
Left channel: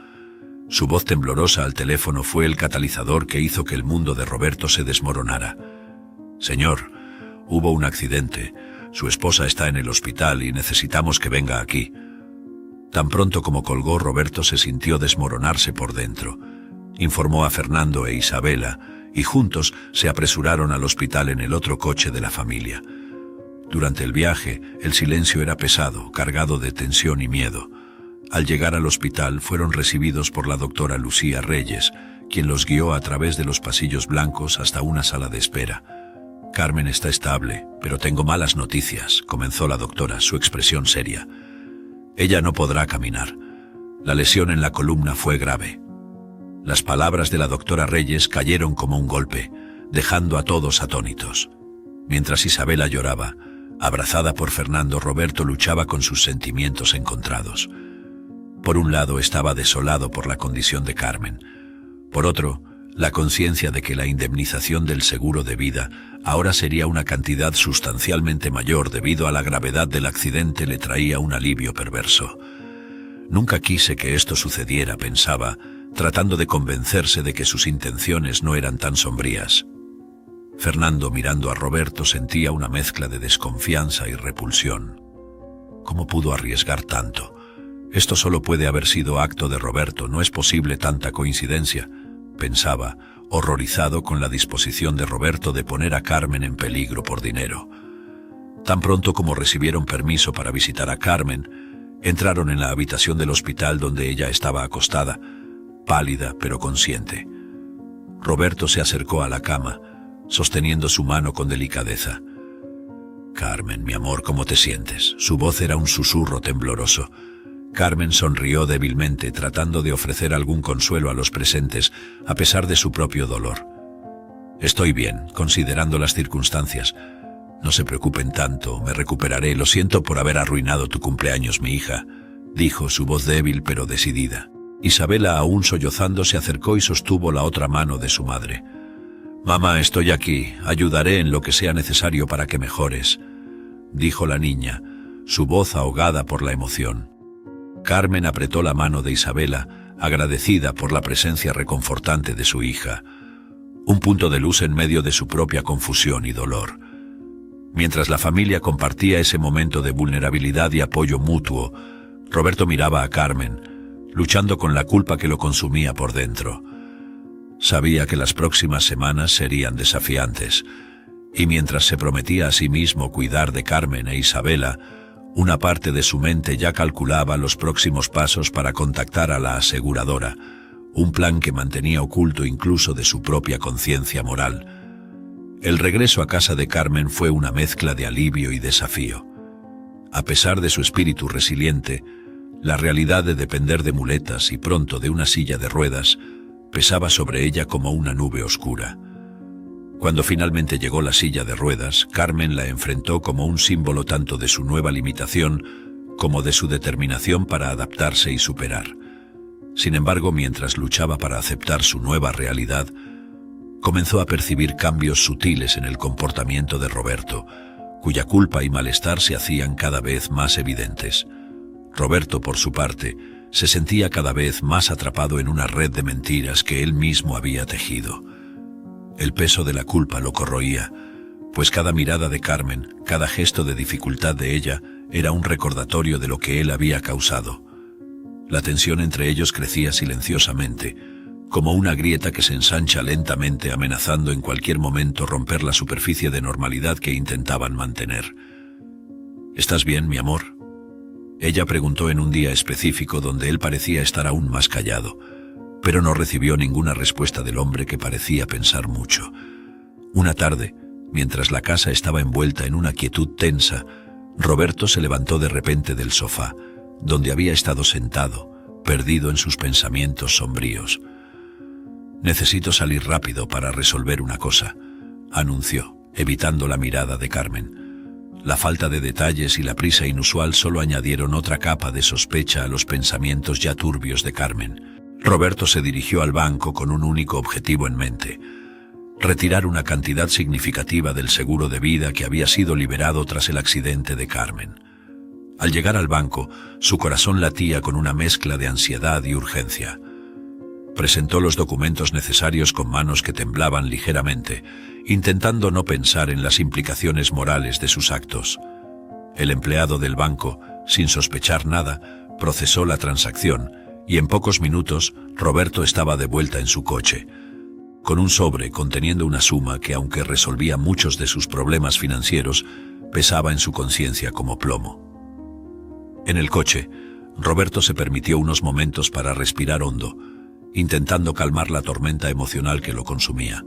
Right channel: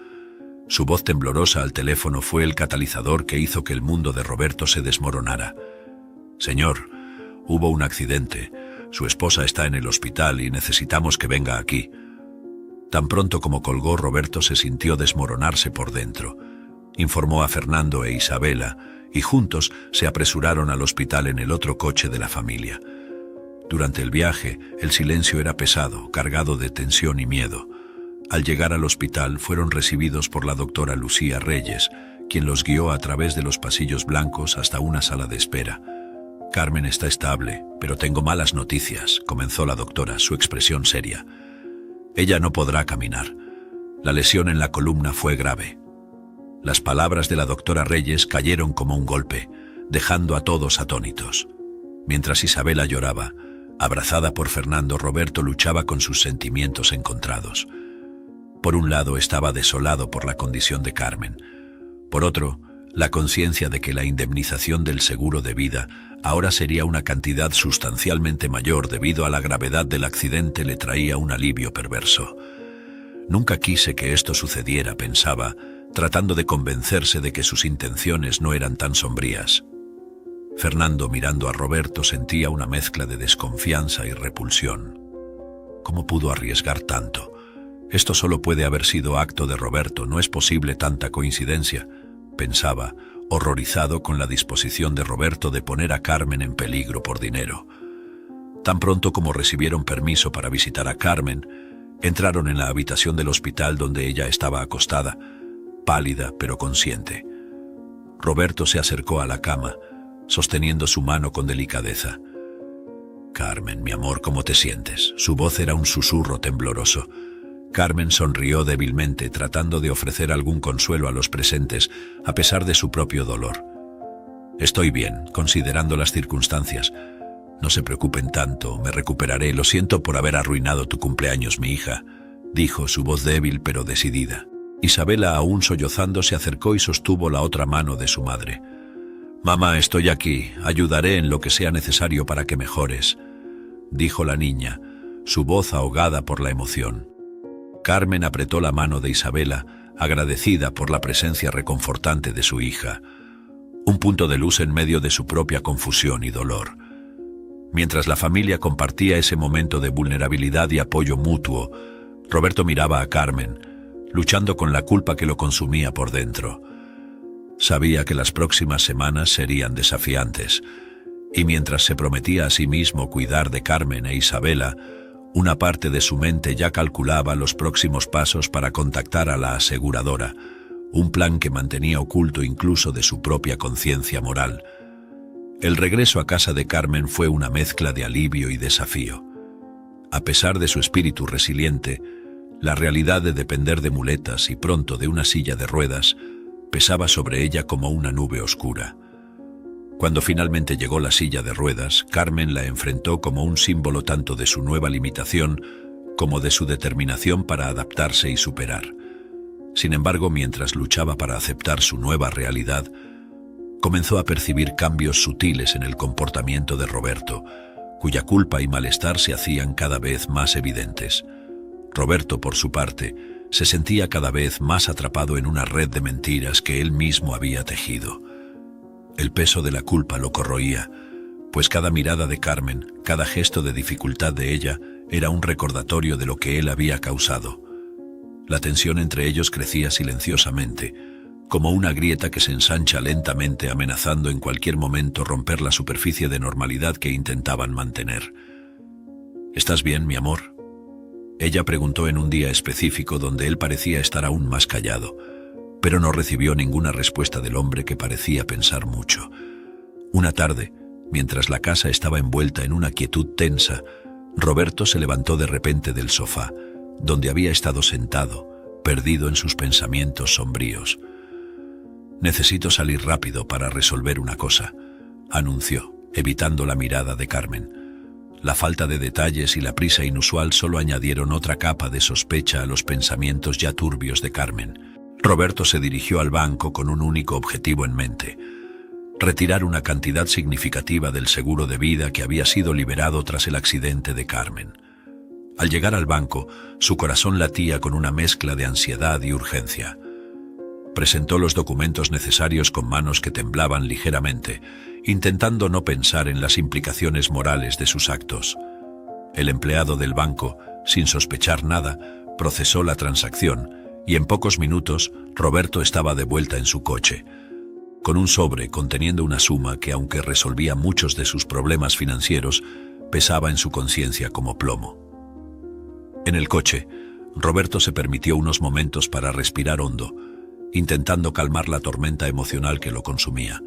Su voz temblorosa al teléfono fue el catalizador que hizo que el mundo de Roberto se desmoronara. «Señor, hubo un accidente. Su esposa está en el hospital y necesitamos que venga aquí». Tan pronto como colgó, Roberto se sintió desmoronarse por dentro. Informó a Fernando e Isabela, y juntos se apresuraron al hospital en el otro coche de la familia. Durante el viaje, el silencio era pesado, cargado de tensión y miedo. Al llegar al hospital, fueron recibidos por la doctora Lucía Reyes, quien los guió a través de los pasillos blancos hasta una sala de espera. «Carmen está estable, pero tengo malas noticias», comenzó la doctora, su expresión seria. «Ella no podrá caminar. La lesión en la columna fue grave». Las palabras de la doctora Reyes cayeron como un golpe, dejando a todos atónitos. Mientras Isabela lloraba, abrazada por Fernando, Roberto luchaba con sus sentimientos encontrados. Por un lado, estaba desolado por la condición de Carmen. Por otro, la conciencia de que la indemnización del seguro de vida ahora sería una cantidad sustancialmente mayor debido a la gravedad del accidente le traía un alivio perverso. «Nunca quise que esto sucediera», pensaba, tratando de convencerse de que sus intenciones no eran tan sombrías. Fernando, mirando a Roberto, sentía una mezcla de desconfianza y repulsión. ¿Cómo pudo arriesgar tanto? Esto solo puede haber sido acto de Roberto, no es posible tanta coincidencia, pensaba, horrorizado con la disposición de Roberto de poner a Carmen en peligro por dinero. Tan pronto como recibieron permiso para visitar a Carmen, entraron en la habitación del hospital donde ella estaba acostada, pálida pero consciente. Roberto se acercó a la cama, sosteniendo su mano con delicadeza. «Carmen, mi amor, ¿cómo te sientes?». Su voz era un susurro tembloroso. Carmen sonrió débilmente, tratando de ofrecer algún consuelo a los presentes, a pesar de su propio dolor. «Estoy bien, considerando las circunstancias. No se preocupen tanto, me recuperaré. Lo siento por haber arruinado tu cumpleaños, mi hija», dijo, su voz débil pero decidida. Isabela, aún sollozando, se acercó y sostuvo la otra mano de su madre. «Mamá, estoy aquí, ayudaré en lo que sea necesario para que mejores», dijo la niña, su voz ahogada por la emoción. Carmen apretó la mano de Isabela, agradecida por la presencia reconfortante de su hija, un punto de luz en medio de su propia confusión y dolor. Mientras la familia compartía ese momento de vulnerabilidad y apoyo mutuo, Roberto miraba a Carmen, luchando con la culpa que lo consumía por dentro. Sabía que las próximas semanas serían desafiantes, y mientras se prometía a sí mismo cuidar de Carmen e Isabela, una parte de su mente ya calculaba los próximos pasos para contactar a la aseguradora, un plan que mantenía oculto incluso de su propia conciencia moral. El regreso a casa de Carmen fue una mezcla de alivio y desafío. A pesar de su espíritu resiliente, la realidad de depender de muletas y pronto de una silla de ruedas pesaba sobre ella como una nube oscura. Cuando finalmente llegó la silla de ruedas, Carmen la enfrentó como un símbolo tanto de su nueva limitación como de su determinación para adaptarse y superar. Sin embargo, mientras luchaba para aceptar su nueva realidad, comenzó a percibir cambios sutiles en el comportamiento de Roberto, cuya culpa y malestar se hacían cada vez más evidentes. Roberto, por su parte, se sentía cada vez más atrapado en una red de mentiras que él mismo había tejido. El peso de la culpa lo corroía, pues cada mirada de Carmen, cada gesto de dificultad de ella, era un recordatorio de lo que él había causado. La tensión entre ellos crecía silenciosamente, como una grieta que se ensancha lentamente, amenazando en cualquier momento romper la superficie de normalidad que intentaban mantener. «¿Estás bien, mi amor?», ella preguntó en un día específico donde él parecía estar aún más callado, pero no recibió ninguna respuesta del hombre que parecía pensar mucho. Una tarde, mientras la casa estaba envuelta en una quietud tensa, Roberto se levantó de repente del sofá, donde había estado sentado, perdido en sus pensamientos sombríos. «Necesito salir rápido para resolver una cosa», anunció, evitando la mirada de Carmen. La falta de detalles y la prisa inusual solo añadieron otra capa de sospecha a los pensamientos ya turbios de Carmen. Roberto se dirigió al banco con un único objetivo en mente: retirar una cantidad significativa del seguro de vida que había sido liberado tras el accidente de Carmen. Al llegar al banco, su corazón latía con una mezcla de ansiedad y urgencia. Presentó los documentos necesarios con manos que temblaban ligeramente, intentando no pensar en las implicaciones morales de sus actos. El empleado del banco, sin sospechar nada, procesó la transacción y en pocos minutos Roberto estaba de vuelta en su coche, con un sobre conteniendo una suma que, aunque resolvía muchos de sus problemas financieros, pesaba en su conciencia como plomo. En el coche, Roberto se permitió unos momentos para respirar hondo, intentando calmar la tormenta emocional que lo consumía.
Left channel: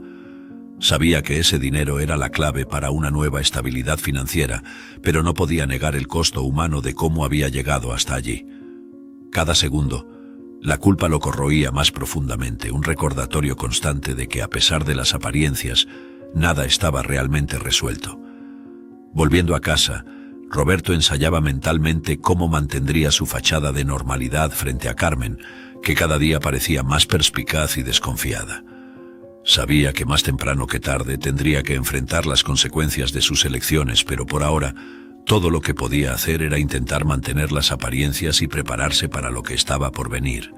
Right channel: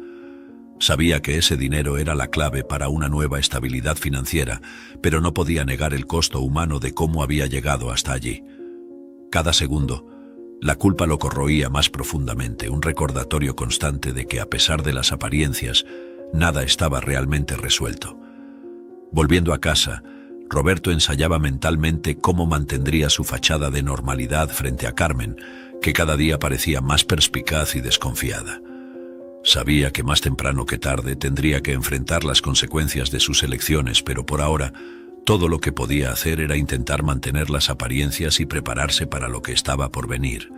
Sabía que ese dinero era la clave para una nueva estabilidad financiera, pero no podía negar el costo humano de cómo había llegado hasta allí. Cada segundo, la culpa lo corroía más profundamente, un recordatorio constante de que, a pesar de las apariencias, nada estaba realmente resuelto. Volviendo a casa, Roberto ensayaba mentalmente cómo mantendría su fachada de normalidad frente a Carmen, que cada día parecía más perspicaz y desconfiada. Sabía que más temprano que tarde tendría que enfrentar las consecuencias de sus elecciones, pero por ahora, todo lo que podía hacer era intentar mantener las apariencias y prepararse para lo que estaba por venir.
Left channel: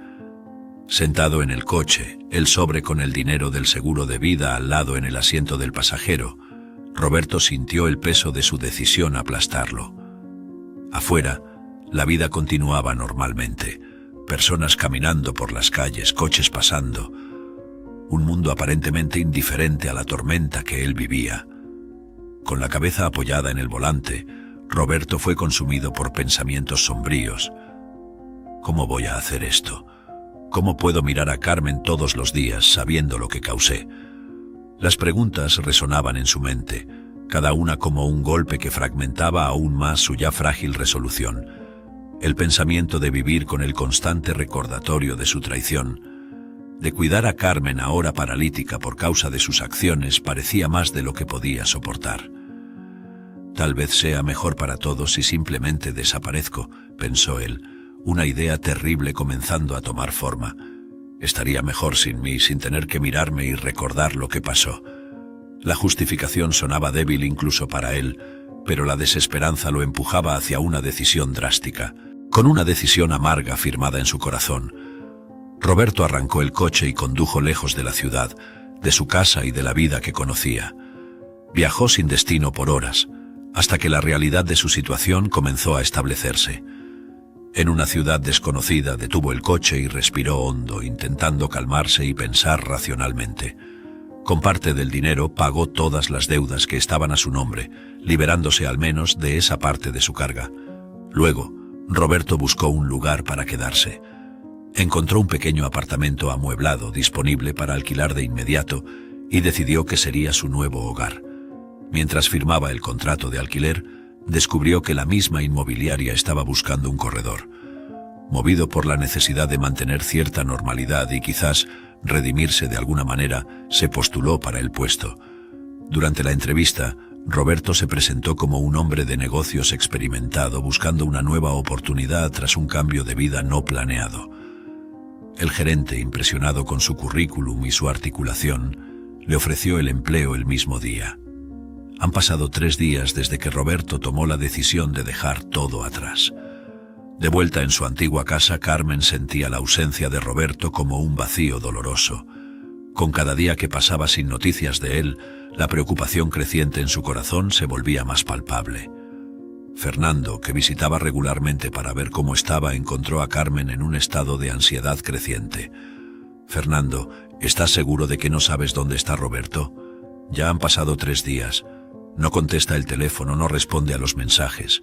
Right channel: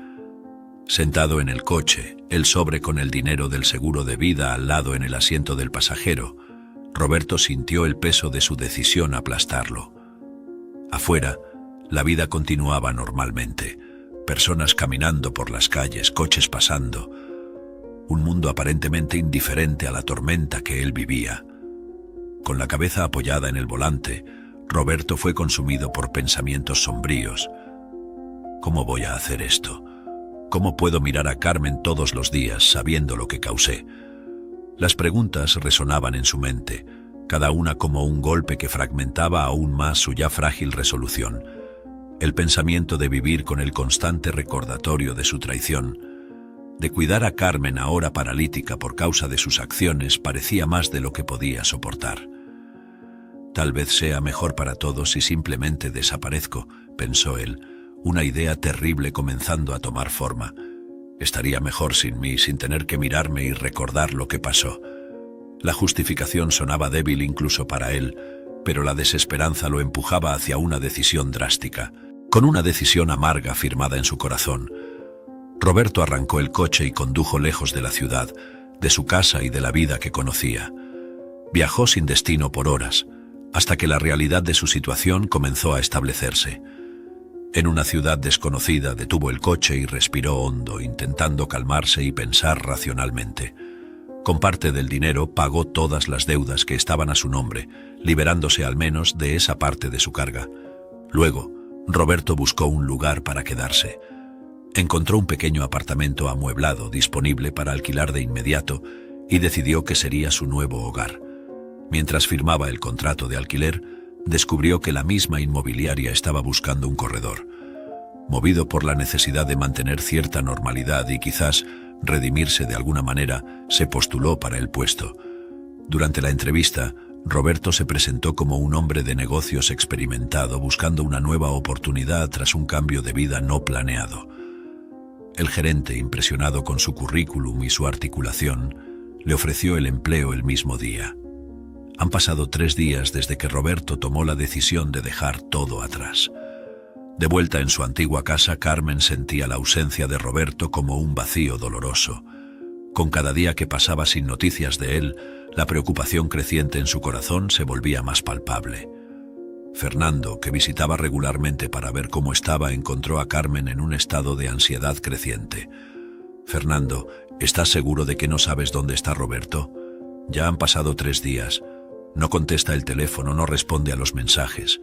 Sentado en el coche, el sobre con el dinero del seguro de vida al lado en el asiento del pasajero, Roberto sintió el peso de su decisión aplastarlo. Afuera, la vida continuaba normalmente. Personas caminando por las calles, coches pasando. Un mundo aparentemente indiferente a la tormenta que él vivía. Con la cabeza apoyada en el volante, Roberto fue consumido por pensamientos sombríos. ¿Cómo voy a hacer esto? ¿Cómo puedo mirar a Carmen todos los días sabiendo lo que causé? Las preguntas resonaban en su mente, cada una como un golpe que fragmentaba aún más su ya frágil resolución. El pensamiento de vivir con el constante recordatorio de su traición, de cuidar a Carmen ahora paralítica por causa de sus acciones, parecía más de lo que podía soportar. Tal vez sea mejor para todos si simplemente desaparezco, pensó él, una idea terrible comenzando a tomar forma. Estaría mejor sin mí, sin tener que mirarme y recordar lo que pasó. La justificación sonaba débil incluso para él, pero la desesperanza lo empujaba hacia una decisión drástica, con una decisión amarga firmada en su corazón. Roberto arrancó el coche y condujo lejos de la ciudad, de su casa y de la vida que conocía. Viajó sin destino por horas, hasta que la realidad de su situación comenzó a establecerse. En una ciudad desconocida detuvo el coche y respiró hondo, intentando calmarse y pensar racionalmente. Con parte del dinero pagó todas las deudas que estaban a su nombre, liberándose al menos de esa parte de su carga. Luego, Roberto buscó un lugar para quedarse. Encontró un pequeño apartamento amueblado disponible para alquilar de inmediato y decidió que sería su nuevo hogar. Mientras firmaba el contrato de alquiler, descubrió que la misma inmobiliaria estaba buscando un corredor. Movido por la necesidad de mantener cierta normalidad y quizás redimirse de alguna manera, se postuló para el puesto. Durante la entrevista, Roberto se presentó como un hombre de negocios experimentado buscando una nueva oportunidad tras un cambio de vida no planeado. El gerente, impresionado con su currículum y su articulación, le ofreció el empleo el mismo día. Han pasado 3 días desde que Roberto tomó la decisión de dejar todo atrás. De vuelta en su antigua casa, Carmen sentía la ausencia de Roberto como un vacío doloroso. Con cada día que pasaba sin noticias de él, la preocupación creciente en su corazón se volvía más palpable. Fernando, que visitaba regularmente para ver cómo estaba, encontró a Carmen en un estado de ansiedad creciente. «Fernando, ¿estás seguro de que no sabes dónde está Roberto? Ya han pasado 3 días. No contesta el teléfono, no responde a los mensajes».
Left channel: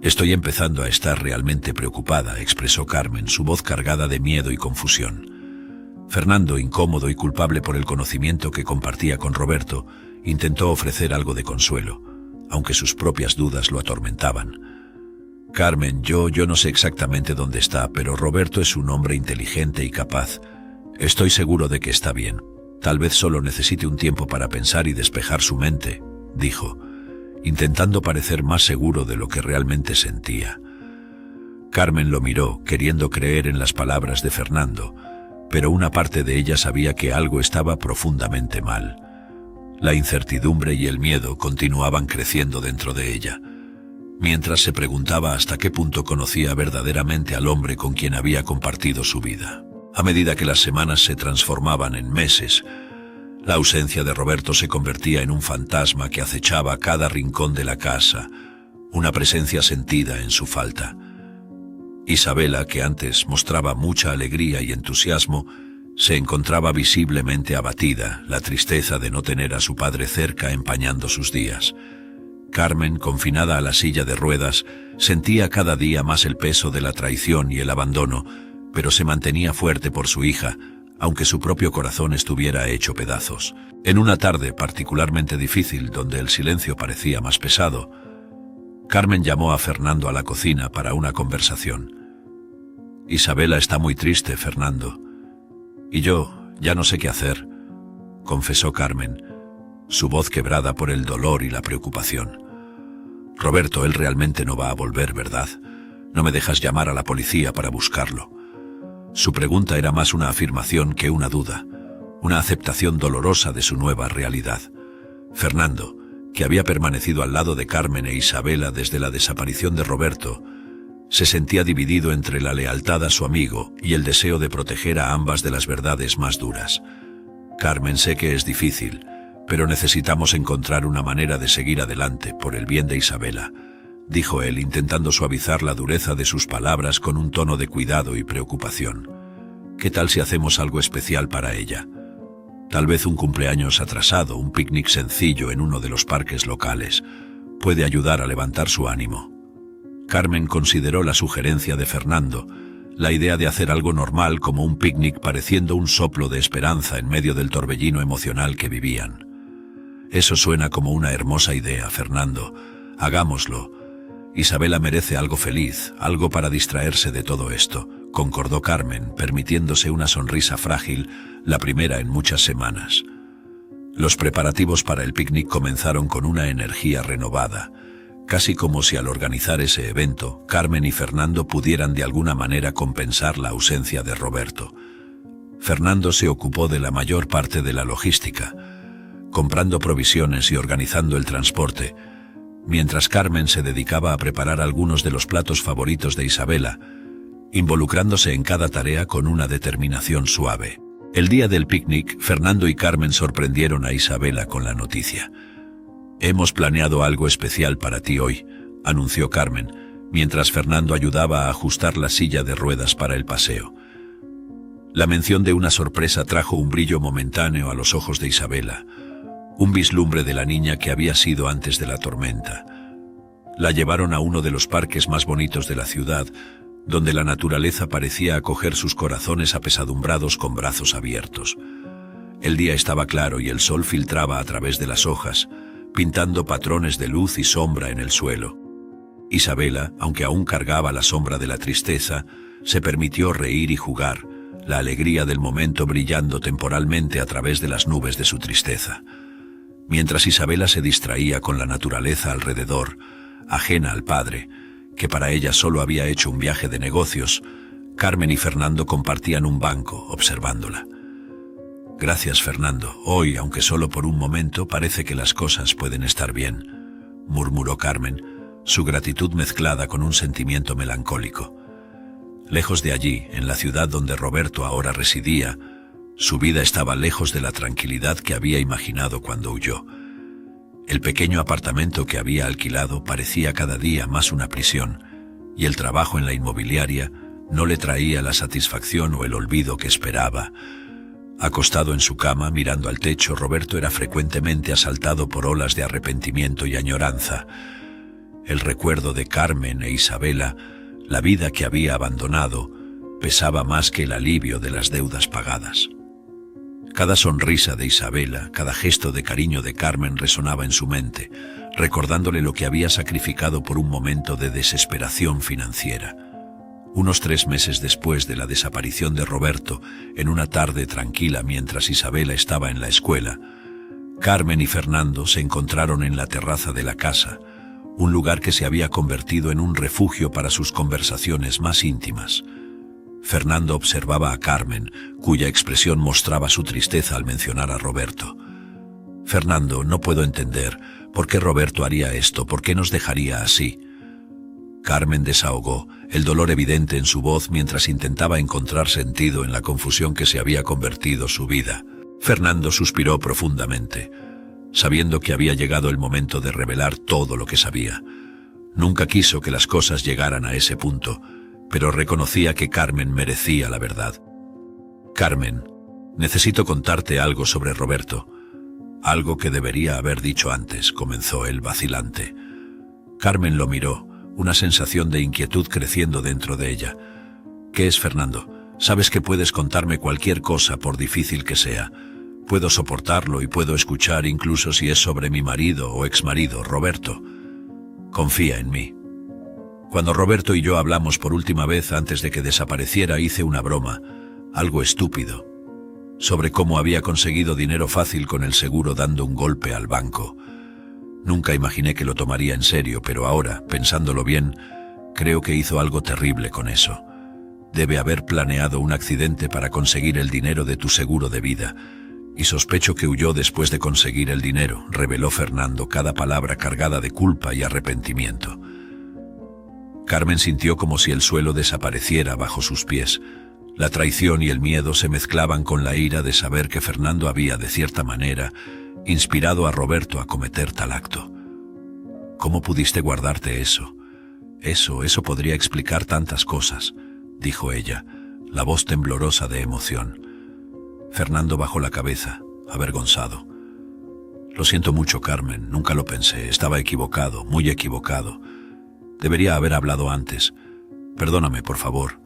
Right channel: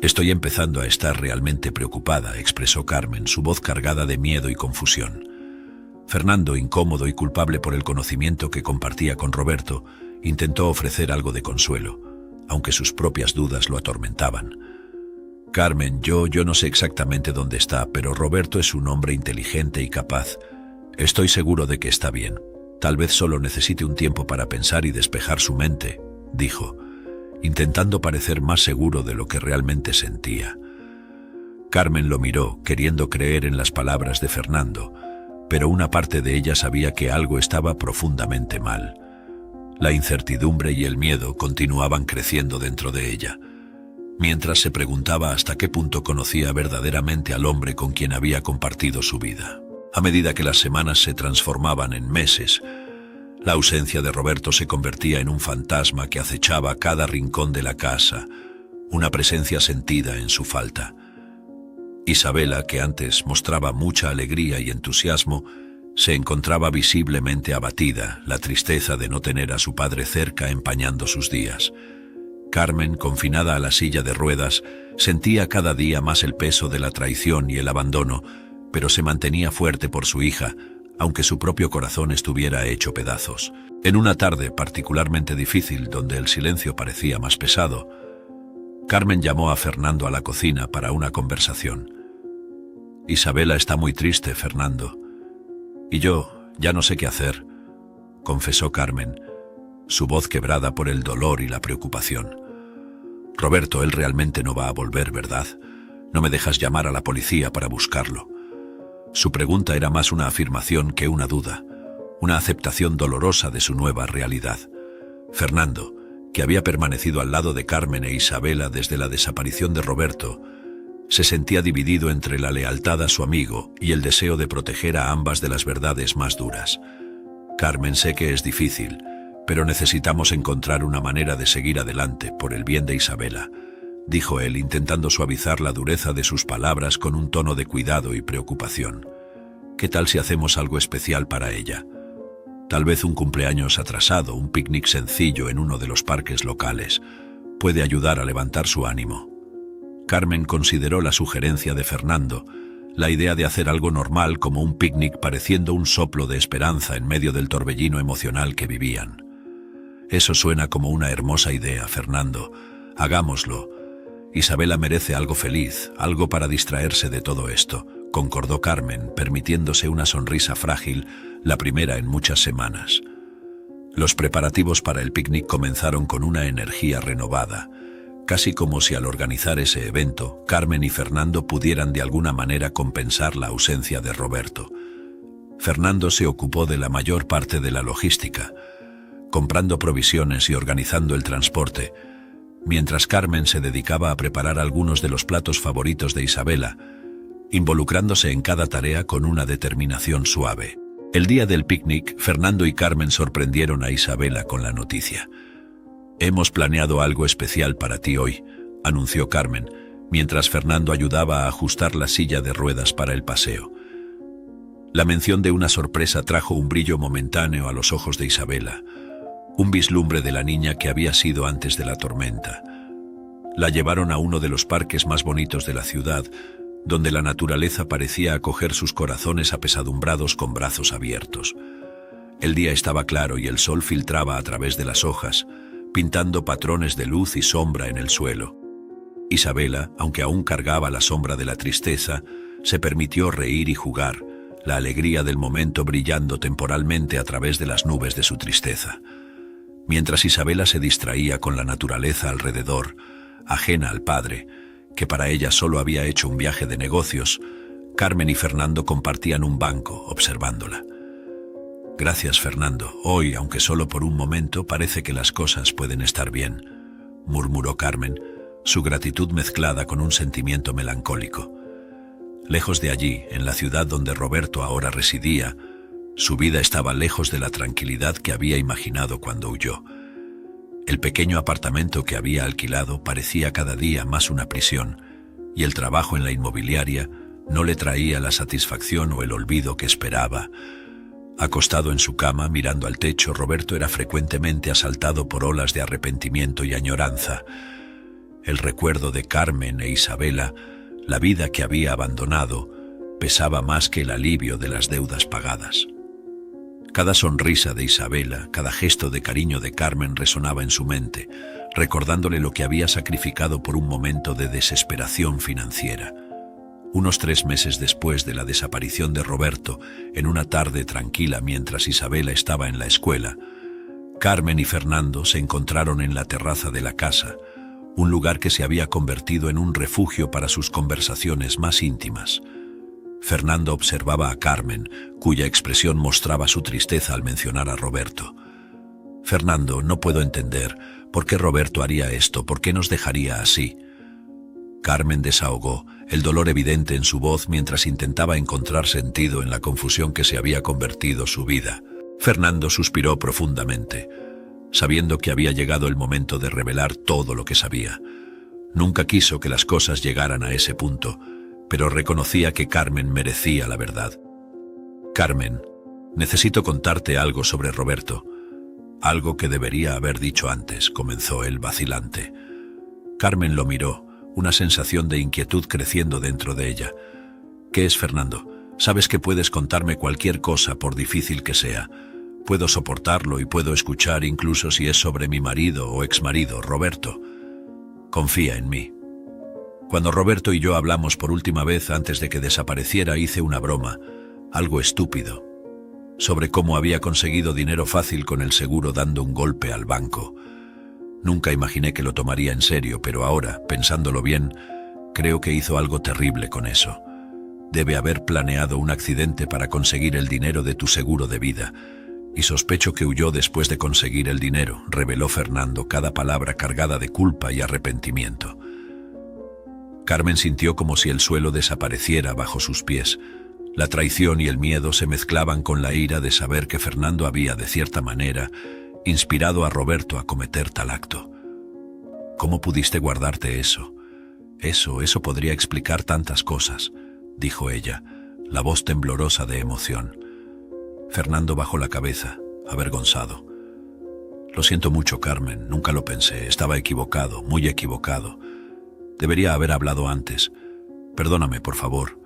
«Estoy empezando a estar realmente preocupada», expresó Carmen, su voz cargada de miedo y confusión. Fernando, incómodo y culpable por el conocimiento que compartía con Roberto, intentó ofrecer algo de consuelo, aunque sus propias dudas lo atormentaban. «Carmen, yo no sé exactamente dónde está, pero Roberto es un hombre inteligente y capaz. Estoy seguro de que está bien. Tal vez solo necesite un tiempo para pensar y despejar su mente», dijo, intentando parecer más seguro de lo que realmente sentía. Carmen lo miró, queriendo creer en las palabras de Fernando, pero una parte de ella sabía que algo estaba profundamente mal. La incertidumbre y el miedo continuaban creciendo dentro de ella, mientras se preguntaba hasta qué punto conocía verdaderamente al hombre con quien había compartido su vida. A medida que las semanas se transformaban en meses, la ausencia de Roberto se convertía en un fantasma que acechaba cada rincón de la casa, una presencia sentida en su falta. Isabela, que antes mostraba mucha alegría y entusiasmo, se encontraba visiblemente abatida, la tristeza de no tener a su padre cerca empañando sus días. Carmen, confinada a la silla de ruedas, sentía cada día más el peso de la traición y el abandono, pero se mantenía fuerte por su hija, aunque su propio corazón estuviera hecho pedazos. En una tarde particularmente difícil, donde el silencio parecía más pesado, Carmen llamó a Fernando a la cocina para una conversación. «Isabela está muy triste, Fernando. Y yo ya no sé qué hacer», confesó Carmen, su voz quebrada por el dolor y la preocupación. «Roberto, él realmente no va a volver, ¿verdad? No me dejas llamar a la policía para buscarlo». Su pregunta era más una afirmación que una duda, una aceptación dolorosa de su nueva realidad. Fernando, que había permanecido al lado de Carmen e Isabela desde la desaparición de Roberto, se sentía dividido entre la lealtad a su amigo y el deseo de proteger a ambas de las verdades más duras. «Carmen, sé que es difícil, pero necesitamos encontrar una manera de seguir adelante por el bien de Isabela», dijo él, intentando suavizar la dureza de sus palabras con un tono de cuidado y preocupación. «¿Qué tal si hacemos algo especial para ella? Tal vez un cumpleaños atrasado, un picnic sencillo en uno de los parques locales. Puede ayudar a levantar su ánimo». Carmen consideró la sugerencia de Fernando, la idea de hacer algo normal como un picnic pareciendo un soplo de esperanza en medio del torbellino emocional que vivían. «Eso suena como una hermosa idea, Fernando. Hagámoslo. Isabela merece algo feliz, algo para distraerse de todo esto», concordó Carmen, permitiéndose una sonrisa frágil, la primera en muchas semanas. Los preparativos para el picnic comenzaron con una energía renovada, casi como si al organizar ese evento, Carmen y Fernando pudieran de alguna manera compensar la ausencia de Roberto. Fernando se ocupó de la mayor parte de la logística, comprando provisiones y organizando el transporte, mientras Carmen se dedicaba a preparar algunos de los platos favoritos de Isabela, involucrándose en cada tarea con una determinación suave. El día del picnic, Fernando y Carmen sorprendieron a Isabela con la noticia. «Hemos planeado algo especial para ti hoy», anunció Carmen, mientras Fernando ayudaba a ajustar la silla de ruedas para el paseo. La mención de una sorpresa trajo un brillo momentáneo a los ojos de Isabela, un vislumbre de la niña que había sido antes de la tormenta. La llevaron a uno de los parques más bonitos de la ciudad, donde la naturaleza parecía acoger sus corazones apesadumbrados con brazos abiertos. El día estaba claro y el sol filtraba a través de las hojas, pintando patrones de luz y sombra en el suelo. Isabela, aunque aún cargaba la sombra de la tristeza, se permitió reír y jugar, la alegría del momento brillando temporalmente a través de las nubes de su tristeza. Mientras Isabela se distraía con la naturaleza alrededor, ajena al padre, que para ella solo había hecho un viaje de negocios, Carmen y Fernando compartían un banco observándola. «Gracias, Fernando. Hoy, aunque solo por un momento, parece que las cosas pueden estar bien», murmuró Carmen, su gratitud mezclada con un sentimiento melancólico. Lejos de allí, en la ciudad donde Roberto ahora residía, su vida estaba lejos de la tranquilidad que había imaginado cuando huyó. El pequeño apartamento que había alquilado parecía cada día más una prisión, y el trabajo en la inmobiliaria no le traía la satisfacción o el olvido que esperaba. Acostado en su cama, mirando al techo, Roberto era frecuentemente asaltado por olas de arrepentimiento y añoranza. El recuerdo de Carmen e Isabela, la vida que había abandonado, pesaba más que el alivio de las deudas pagadas. Cada sonrisa de Isabela, cada gesto de cariño de Carmen resonaba en su mente, recordándole lo que había sacrificado por un momento de desesperación financiera. Unos 3 meses después de la desaparición de Roberto, en una tarde tranquila mientras Isabela estaba en la escuela, Carmen y Fernando se encontraron en la terraza de la casa, un lugar que se había convertido en un refugio para sus conversaciones más íntimas. Fernando observaba a Carmen, cuya expresión mostraba su tristeza al mencionar a Roberto. Fernando, no puedo entender. ¿Por qué Roberto haría esto? ¿Por qué nos dejaría así? Carmen desahogó, el dolor evidente en su voz mientras intentaba encontrar sentido en la confusión que se había convertido su vida. Fernando suspiró profundamente, sabiendo que había llegado el momento de revelar todo lo que sabía. Nunca quiso que las cosas llegaran a ese punto, pero reconocía que Carmen merecía la verdad. Carmen, necesito contarte algo sobre Roberto. Algo que debería haber dicho antes, comenzó él vacilante. Carmen lo miró, una sensación de inquietud creciendo dentro de ella. ¿Qué es, Fernando? Sabes que puedes contarme cualquier cosa, por difícil que sea. Puedo soportarlo y puedo escuchar incluso si es sobre mi marido o exmarido, Roberto. Confía en mí. Cuando Roberto y yo hablamos por última vez antes de que desapareciera, hice una broma, algo estúpido, sobre cómo había conseguido dinero fácil con el seguro dando un golpe al banco. Nunca imaginé que lo tomaría en serio, pero ahora, pensándolo bien, creo que hizo algo terrible con eso. Debe haber planeado un accidente para conseguir el dinero de tu seguro de vida, y sospecho que huyó después de conseguir el dinero, reveló Fernando, cada palabra cargada de culpa y arrepentimiento. Carmen sintió como si el suelo desapareciera bajo sus pies. La traición y el miedo se mezclaban con la ira de saber que Fernando había, de cierta manera, inspirado a Roberto a cometer tal acto. ¿Cómo pudiste guardarte eso? Eso podría explicar tantas cosas, dijo ella, la voz temblorosa de emoción. Fernando bajó la cabeza, avergonzado. Lo siento mucho, Carmen, nunca lo pensé, estaba equivocado, muy equivocado. Debería haber hablado antes. Perdóname, por favor.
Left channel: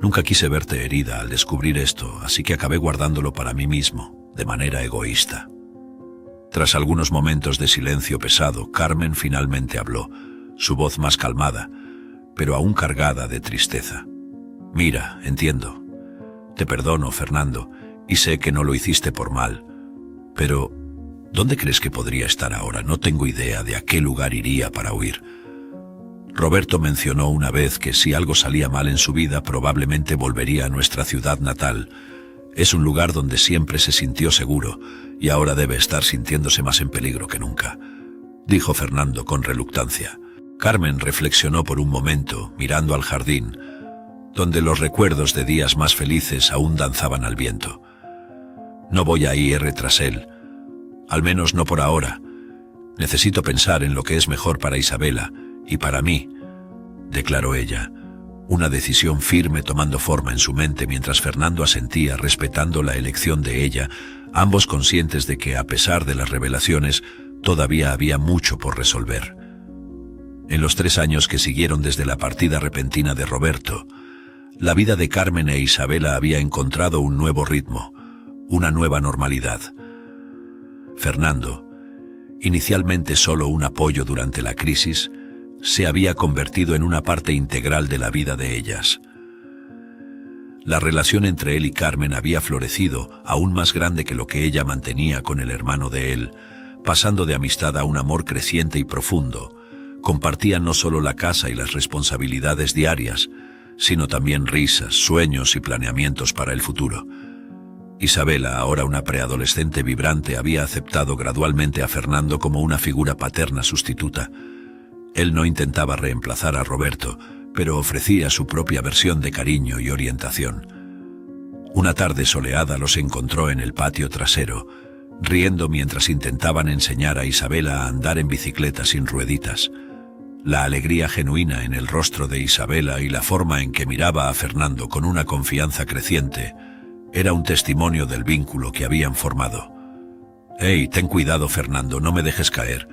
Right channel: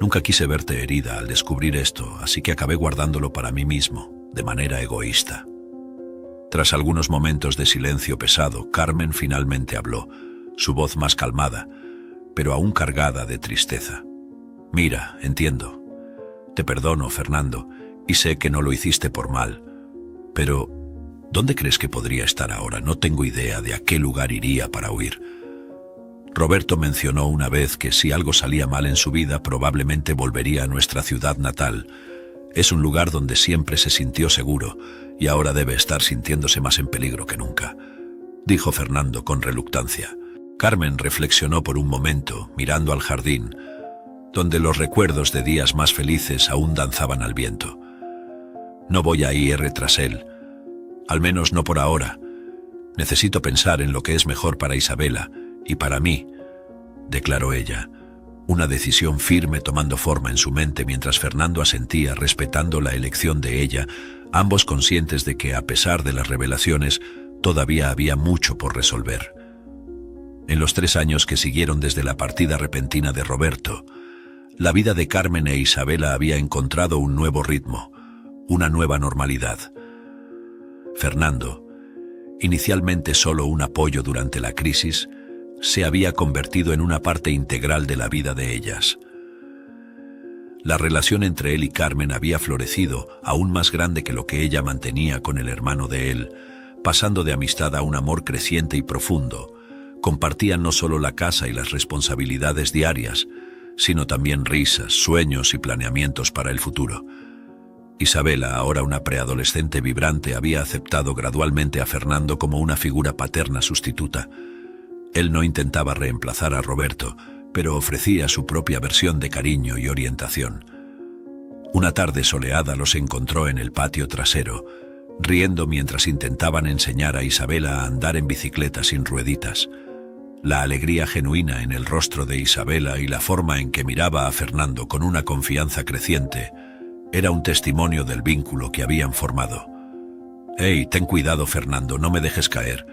Nunca quise verte herida al descubrir esto, así que acabé guardándolo para mí mismo, de manera egoísta. Tras algunos momentos de silencio pesado, Carmen finalmente habló, su voz más calmada, pero aún cargada de tristeza. Mira, entiendo. Te perdono, Fernando, y sé que no lo hiciste por mal. Pero, ¿dónde crees que podría estar ahora? No tengo idea de a qué lugar iría para huir. Roberto mencionó una vez que si algo salía mal en su vida, probablemente volvería a nuestra ciudad natal. Es un lugar donde siempre se sintió seguro, y ahora debe estar sintiéndose más en peligro que nunca, dijo Fernando con reluctancia. Carmen reflexionó por un momento, mirando al jardín, donde los recuerdos de días más felices aún danzaban al viento. No voy a ir tras él, al menos no por ahora. Necesito pensar en lo que es mejor para Isabela y para mí, declaró ella, una decisión firme tomando forma en su mente mientras Fernando asentía respetando la elección de ella, ambos conscientes de que, a pesar de las revelaciones, todavía había mucho por resolver. En los 3 años que siguieron desde la partida repentina de Roberto, la vida de Carmen e Isabela había encontrado un nuevo ritmo, una nueva normalidad. Fernando, inicialmente solo un apoyo durante la crisis, se había convertido en una parte integral de la vida de ellas. La relación entre él y Carmen había florecido, aún más grande que lo que ella mantenía con el hermano de él, pasando de amistad a un amor creciente y profundo. Compartían no solo la casa y las responsabilidades diarias, sino también risas, sueños y planeamientos para el futuro. Isabela, ahora una preadolescente vibrante, había aceptado gradualmente a Fernando como una figura paterna sustituta. Él no intentaba reemplazar a Roberto, pero ofrecía su propia versión de cariño y orientación. Una tarde soleada los encontró en el patio trasero, riendo mientras intentaban enseñar a Isabela a andar en bicicleta sin rueditas. La alegría genuina en el rostro de Isabela y la forma en que miraba a Fernando con una confianza creciente era un testimonio del vínculo que habían formado. «Hey, ten cuidado, Fernando, no me dejes caer.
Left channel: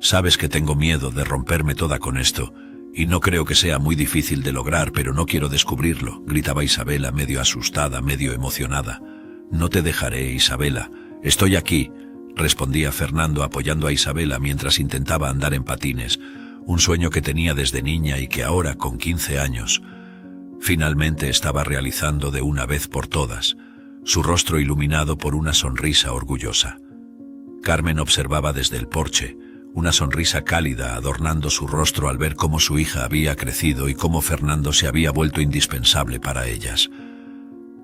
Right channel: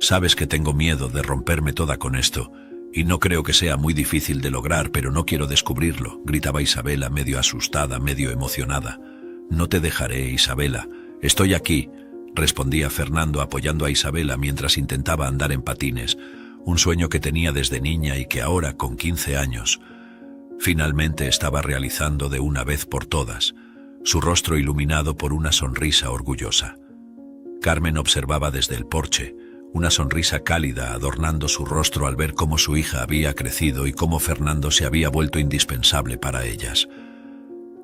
Sabes que tengo miedo de romperme toda con esto, y no creo que sea muy difícil de lograr, pero no quiero descubrirlo», gritaba Isabela, medio asustada, medio emocionada. «No te dejaré, Isabela. Estoy aquí», respondía Fernando apoyando a Isabela mientras intentaba andar en patines, un sueño que tenía desde niña y que ahora, con 15 años, finalmente estaba realizando de una vez por todas, su rostro iluminado por una sonrisa orgullosa. Carmen observaba desde el porche, una sonrisa cálida adornando su rostro al ver cómo su hija había crecido y cómo Fernando se había vuelto indispensable para ellas.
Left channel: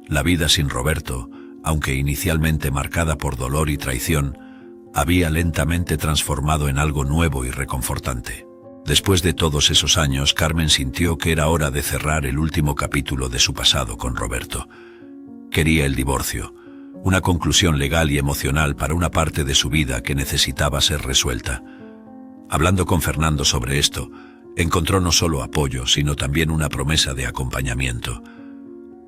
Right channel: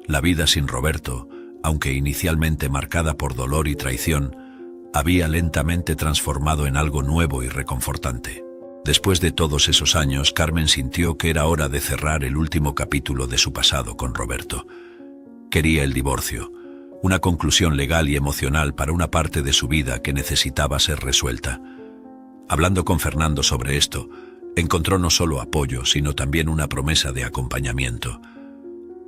La vida sin Roberto, aunque inicialmente marcada por dolor y traición, había lentamente transformado en algo nuevo y reconfortante. Después de todos esos años, Carmen sintió que era hora de cerrar el último capítulo de su pasado con Roberto. Quería el divorcio, una conclusión legal y emocional para una parte de su vida que necesitaba ser resuelta. Hablando con Fernando sobre esto, encontró no solo apoyo, sino también una promesa de acompañamiento.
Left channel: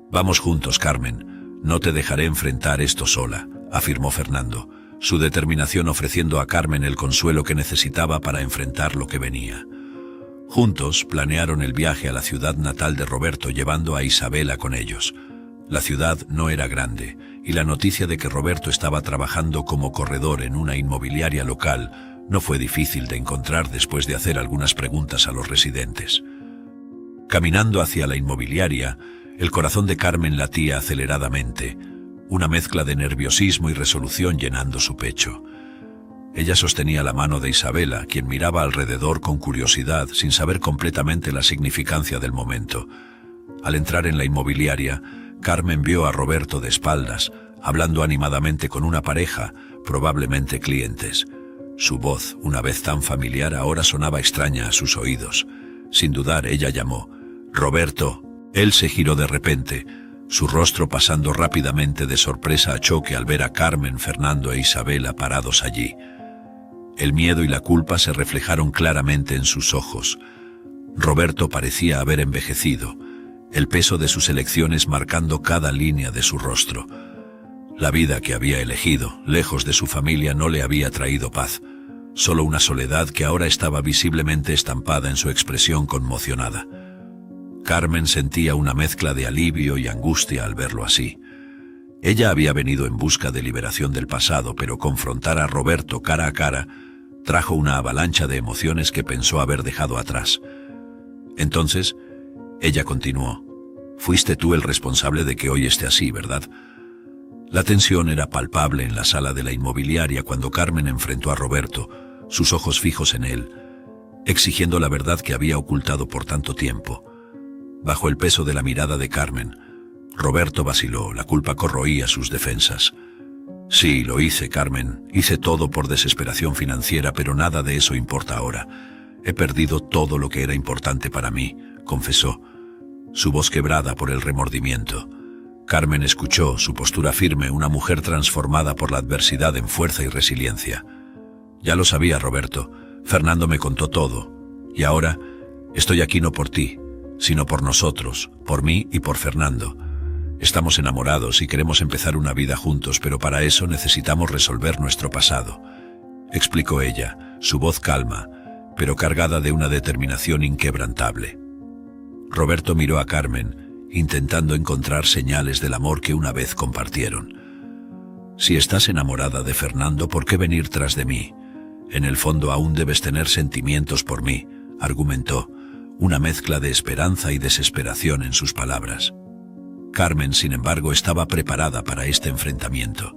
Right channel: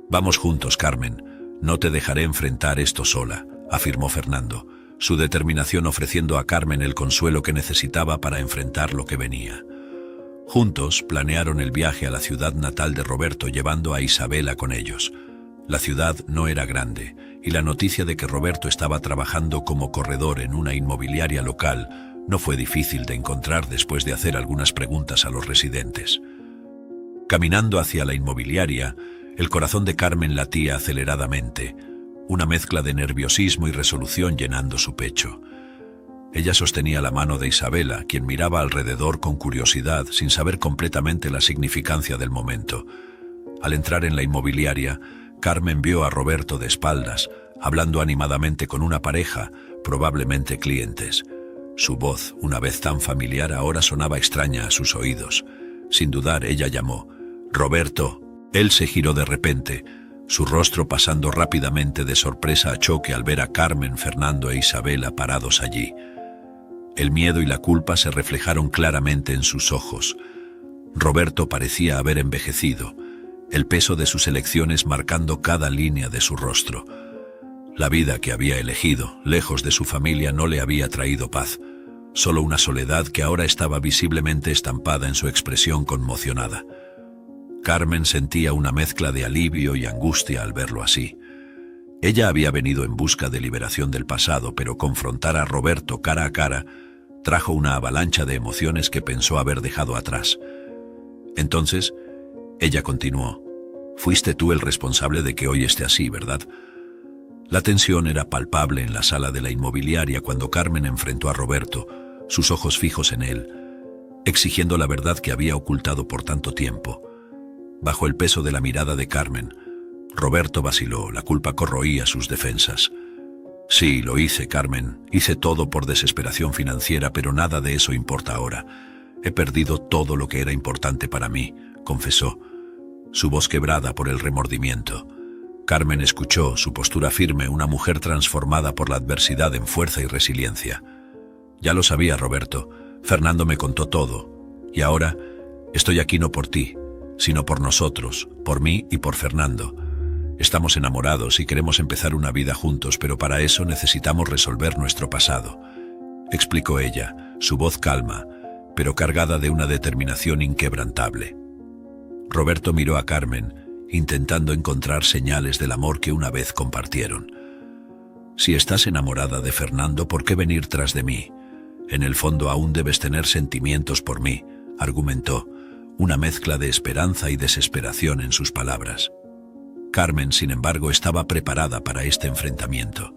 «Vamos juntos, Carmen, no te dejaré enfrentar esto sola», afirmó Fernando, su determinación ofreciendo a Carmen el consuelo que necesitaba para enfrentar lo que venía. Juntos planearon el viaje a la ciudad natal de Roberto, llevando a Isabela con ellos. La ciudad no era grande, y la noticia de que Roberto estaba trabajando como corredor en una inmobiliaria local no fue difícil de encontrar después de hacer algunas preguntas a los residentes. Caminando hacia la inmobiliaria, el corazón de Carmen latía aceleradamente, una mezcla de nerviosismo y resolución llenando su pecho. Ella sostenía la mano de Isabela, quien miraba alrededor con curiosidad, sin saber completamente la significancia del momento. Al entrar en la inmobiliaria, Carmen vio a Roberto de espaldas, hablando animadamente con una pareja, probablemente clientes. Su voz, una vez tan familiar, ahora sonaba extraña a sus oídos. Sin dudar, ella llamó: «Roberto». Él se giró de repente, su rostro pasando rápidamente de sorpresa a choque al ver a Carmen, Fernando e Isabela parados allí. El miedo y la culpa se reflejaron claramente en sus ojos. Roberto parecía haber envejecido, el peso de sus elecciones marcando cada línea de su rostro. La vida que había elegido, lejos de su familia, no le había traído paz, solo una soledad que ahora estaba visiblemente estampada en su expresión conmocionada. Carmen sentía una mezcla de alivio y angustia al verlo así. Ella había venido en busca de liberación del pasado, pero confrontar a Roberto cara a cara trajo una avalancha de emociones que pensó haber dejado atrás. Entonces, ella continuó: «Fuiste tú el responsable de que hoy esté así, ¿verdad?». La tensión era palpable en la sala de la inmobiliaria cuando Carmen enfrentó a Roberto, sus ojos fijos en él, exigiendo la verdad que había ocultado por tanto tiempo. Bajo el peso de la mirada de Carmen, Roberto vaciló, la culpa corroía sus defensas. «Sí, lo hice, Carmen, hice todo por desesperación financiera, pero nada de eso importa ahora. He perdido todo lo que era importante para mí», confesó, su voz quebrada por el remordimiento. Carmen escuchó, su postura firme, una mujer transformada por la adversidad en fuerza y resiliencia. «Ya lo sabía, Roberto. Fernando me contó todo. Y ahora estoy aquí no por ti, sino por nosotros, por mí y por Fernando. Estamos enamorados y queremos empezar una vida juntos, pero para eso necesitamos resolver nuestro pasado», explicó ella, su voz calma, pero cargada de una determinación inquebrantable. Roberto miró a Carmen, intentando encontrar señales del amor que una vez compartieron. «Si estás enamorada de Fernando, ¿por qué venir tras de mí? En el fondo aún debes tener sentimientos por mí», argumentó, una mezcla de esperanza y desesperación en sus palabras. Carmen, sin embargo, estaba preparada para este enfrentamiento.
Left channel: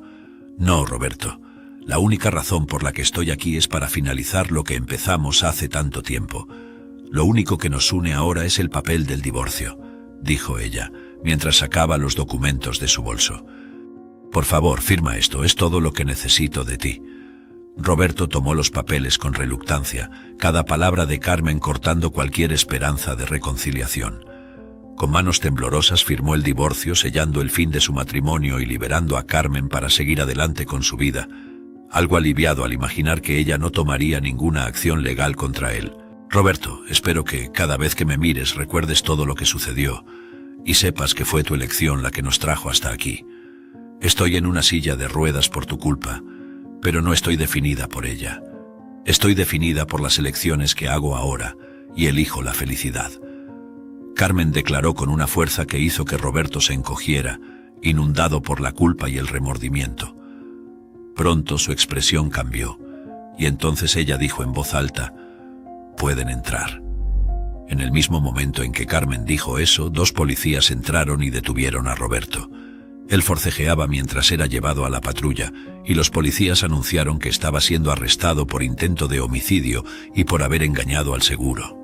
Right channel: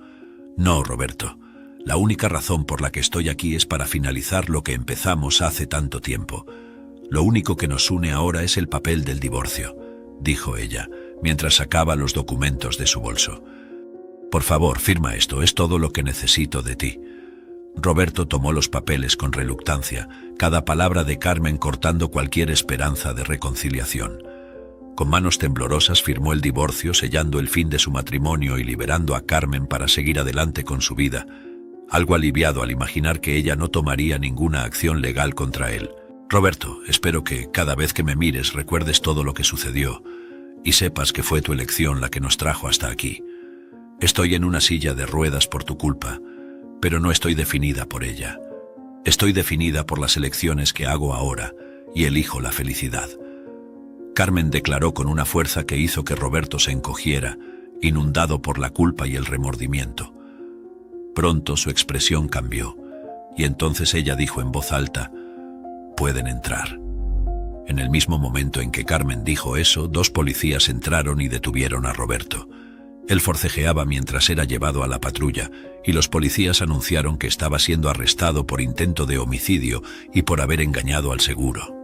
«No, Roberto. La única razón por la que estoy aquí es para finalizar lo que empezamos hace tanto tiempo. Lo único que nos une ahora es el papel del divorcio», dijo ella, mientras sacaba los documentos de su bolso. «Por favor, firma esto, es todo lo que necesito de ti». Roberto tomó los papeles con reluctancia, cada palabra de Carmen cortando cualquier esperanza de reconciliación. Con manos temblorosas firmó el divorcio, sellando el fin de su matrimonio y liberando a Carmen para seguir adelante con su vida, algo aliviado al imaginar que ella no tomaría ninguna acción legal contra él. «Roberto, espero que cada vez que me mires recuerdes todo lo que sucedió y sepas que fue tu elección la que nos trajo hasta aquí. Estoy en una silla de ruedas por tu culpa, pero no estoy definida por ella. Estoy definida por las elecciones que hago ahora y elijo la felicidad». Carmen declaró con una fuerza que hizo que Roberto se encogiera, inundado por la culpa y el remordimiento. Pronto su expresión cambió, y entonces ella dijo en voz alta: «Pueden entrar». En el mismo momento en que Carmen dijo eso, 2 policías entraron y detuvieron a Roberto. Él forcejeaba mientras era llevado a la patrulla, y los policías anunciaron que estaba siendo arrestado por intento de homicidio y por haber engañado al seguro.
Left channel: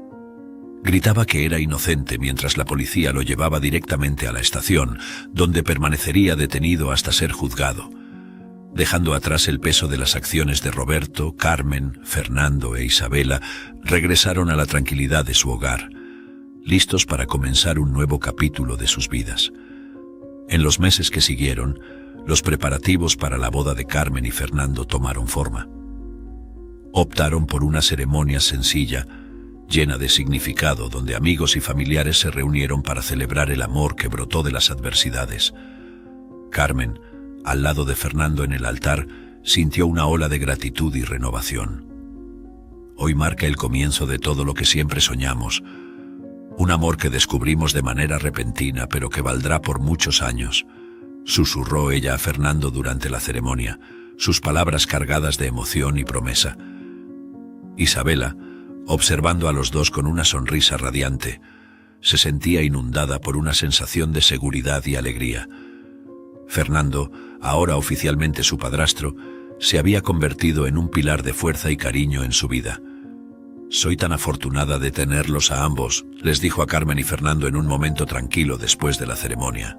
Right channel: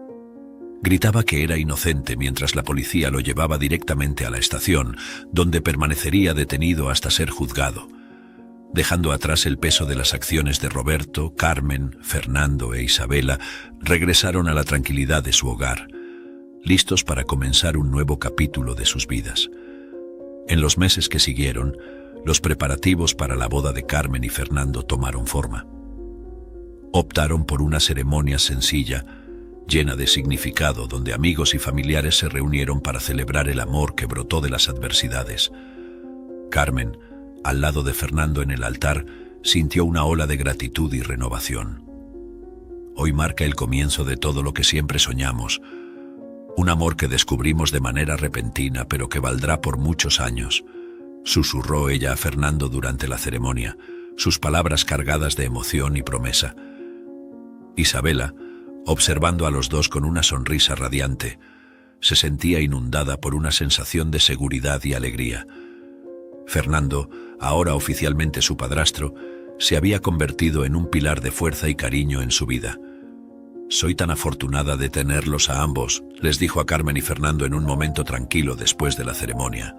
Gritaba que era inocente mientras la policía lo llevaba directamente a la estación, donde permanecería detenido hasta ser juzgado. Dejando atrás el peso de las acciones de Roberto, Carmen, Fernando e Isabela, regresaron a la tranquilidad de su hogar, listos para comenzar un nuevo capítulo de sus vidas. En los meses que siguieron, los preparativos para la boda de Carmen y Fernando tomaron forma. Optaron por una ceremonia sencilla, llena de significado, donde amigos y familiares se reunieron para celebrar el amor que brotó de las adversidades. Carmen, al lado de Fernando en el altar, sintió una ola de gratitud y renovación. Hoy marca el comienzo de todo lo que siempre soñamos, un amor que descubrimos de manera repentina, pero que valdrá por muchos años, susurró ella a Fernando durante la ceremonia, sus palabras cargadas de emoción y promesa. Isabela, observando a los dos con una sonrisa radiante, se sentía inundada por una sensación de seguridad y alegría. Fernando, ahora oficialmente su padrastro, se había convertido en un pilar de fuerza y cariño en su vida. «Soy tan afortunada de tenerlos a ambos», les dijo a Carmen y Fernando en un momento tranquilo después de la ceremonia.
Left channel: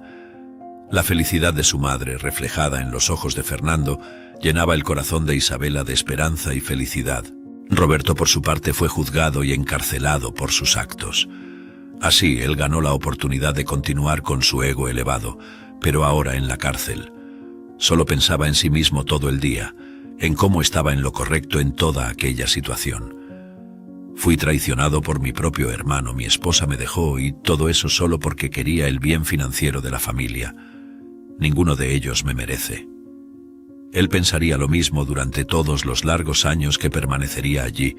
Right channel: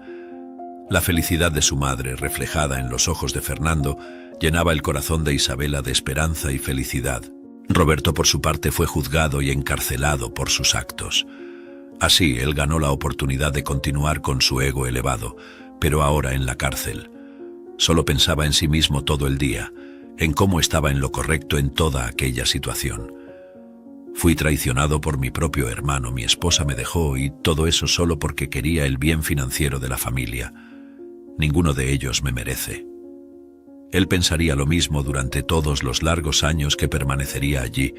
La felicidad de su madre, reflejada en los ojos de Fernando, llenaba el corazón de Isabela de esperanza y felicidad. Roberto, por su parte, fue juzgado y encarcelado por sus actos. Así, él ganó la oportunidad de continuar con su ego elevado, pero ahora en la cárcel. Solo pensaba en sí mismo todo el día, en cómo estaba en lo correcto en toda aquella situación. Fui traicionado por mi propio hermano, mi esposa me dejó y todo eso solo porque quería el bien financiero de la familia. Ninguno de ellos me merece. Él pensaría lo mismo durante todos los largos años que permanecería allí,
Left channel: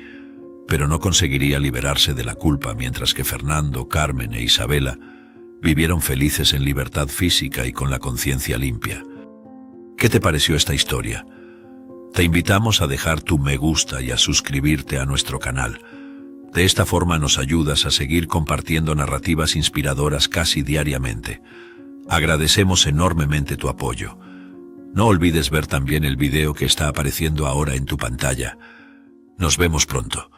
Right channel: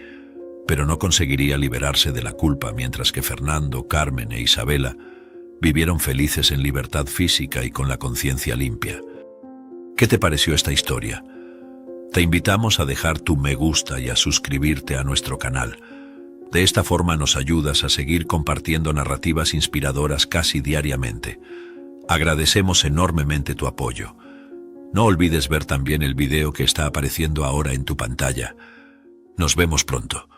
pero no conseguiría liberarse de la culpa, mientras que Fernando, Carmen e Isabela vivieron felices en libertad física y con la conciencia limpia. ¿Qué te pareció esta historia? Te invitamos a dejar tu me gusta y a suscribirte a nuestro canal. De esta forma nos ayudas a seguir compartiendo narrativas inspiradoras casi diariamente. Agradecemos enormemente tu apoyo. No olvides ver también el video que está apareciendo ahora en tu pantalla. Nos vemos pronto.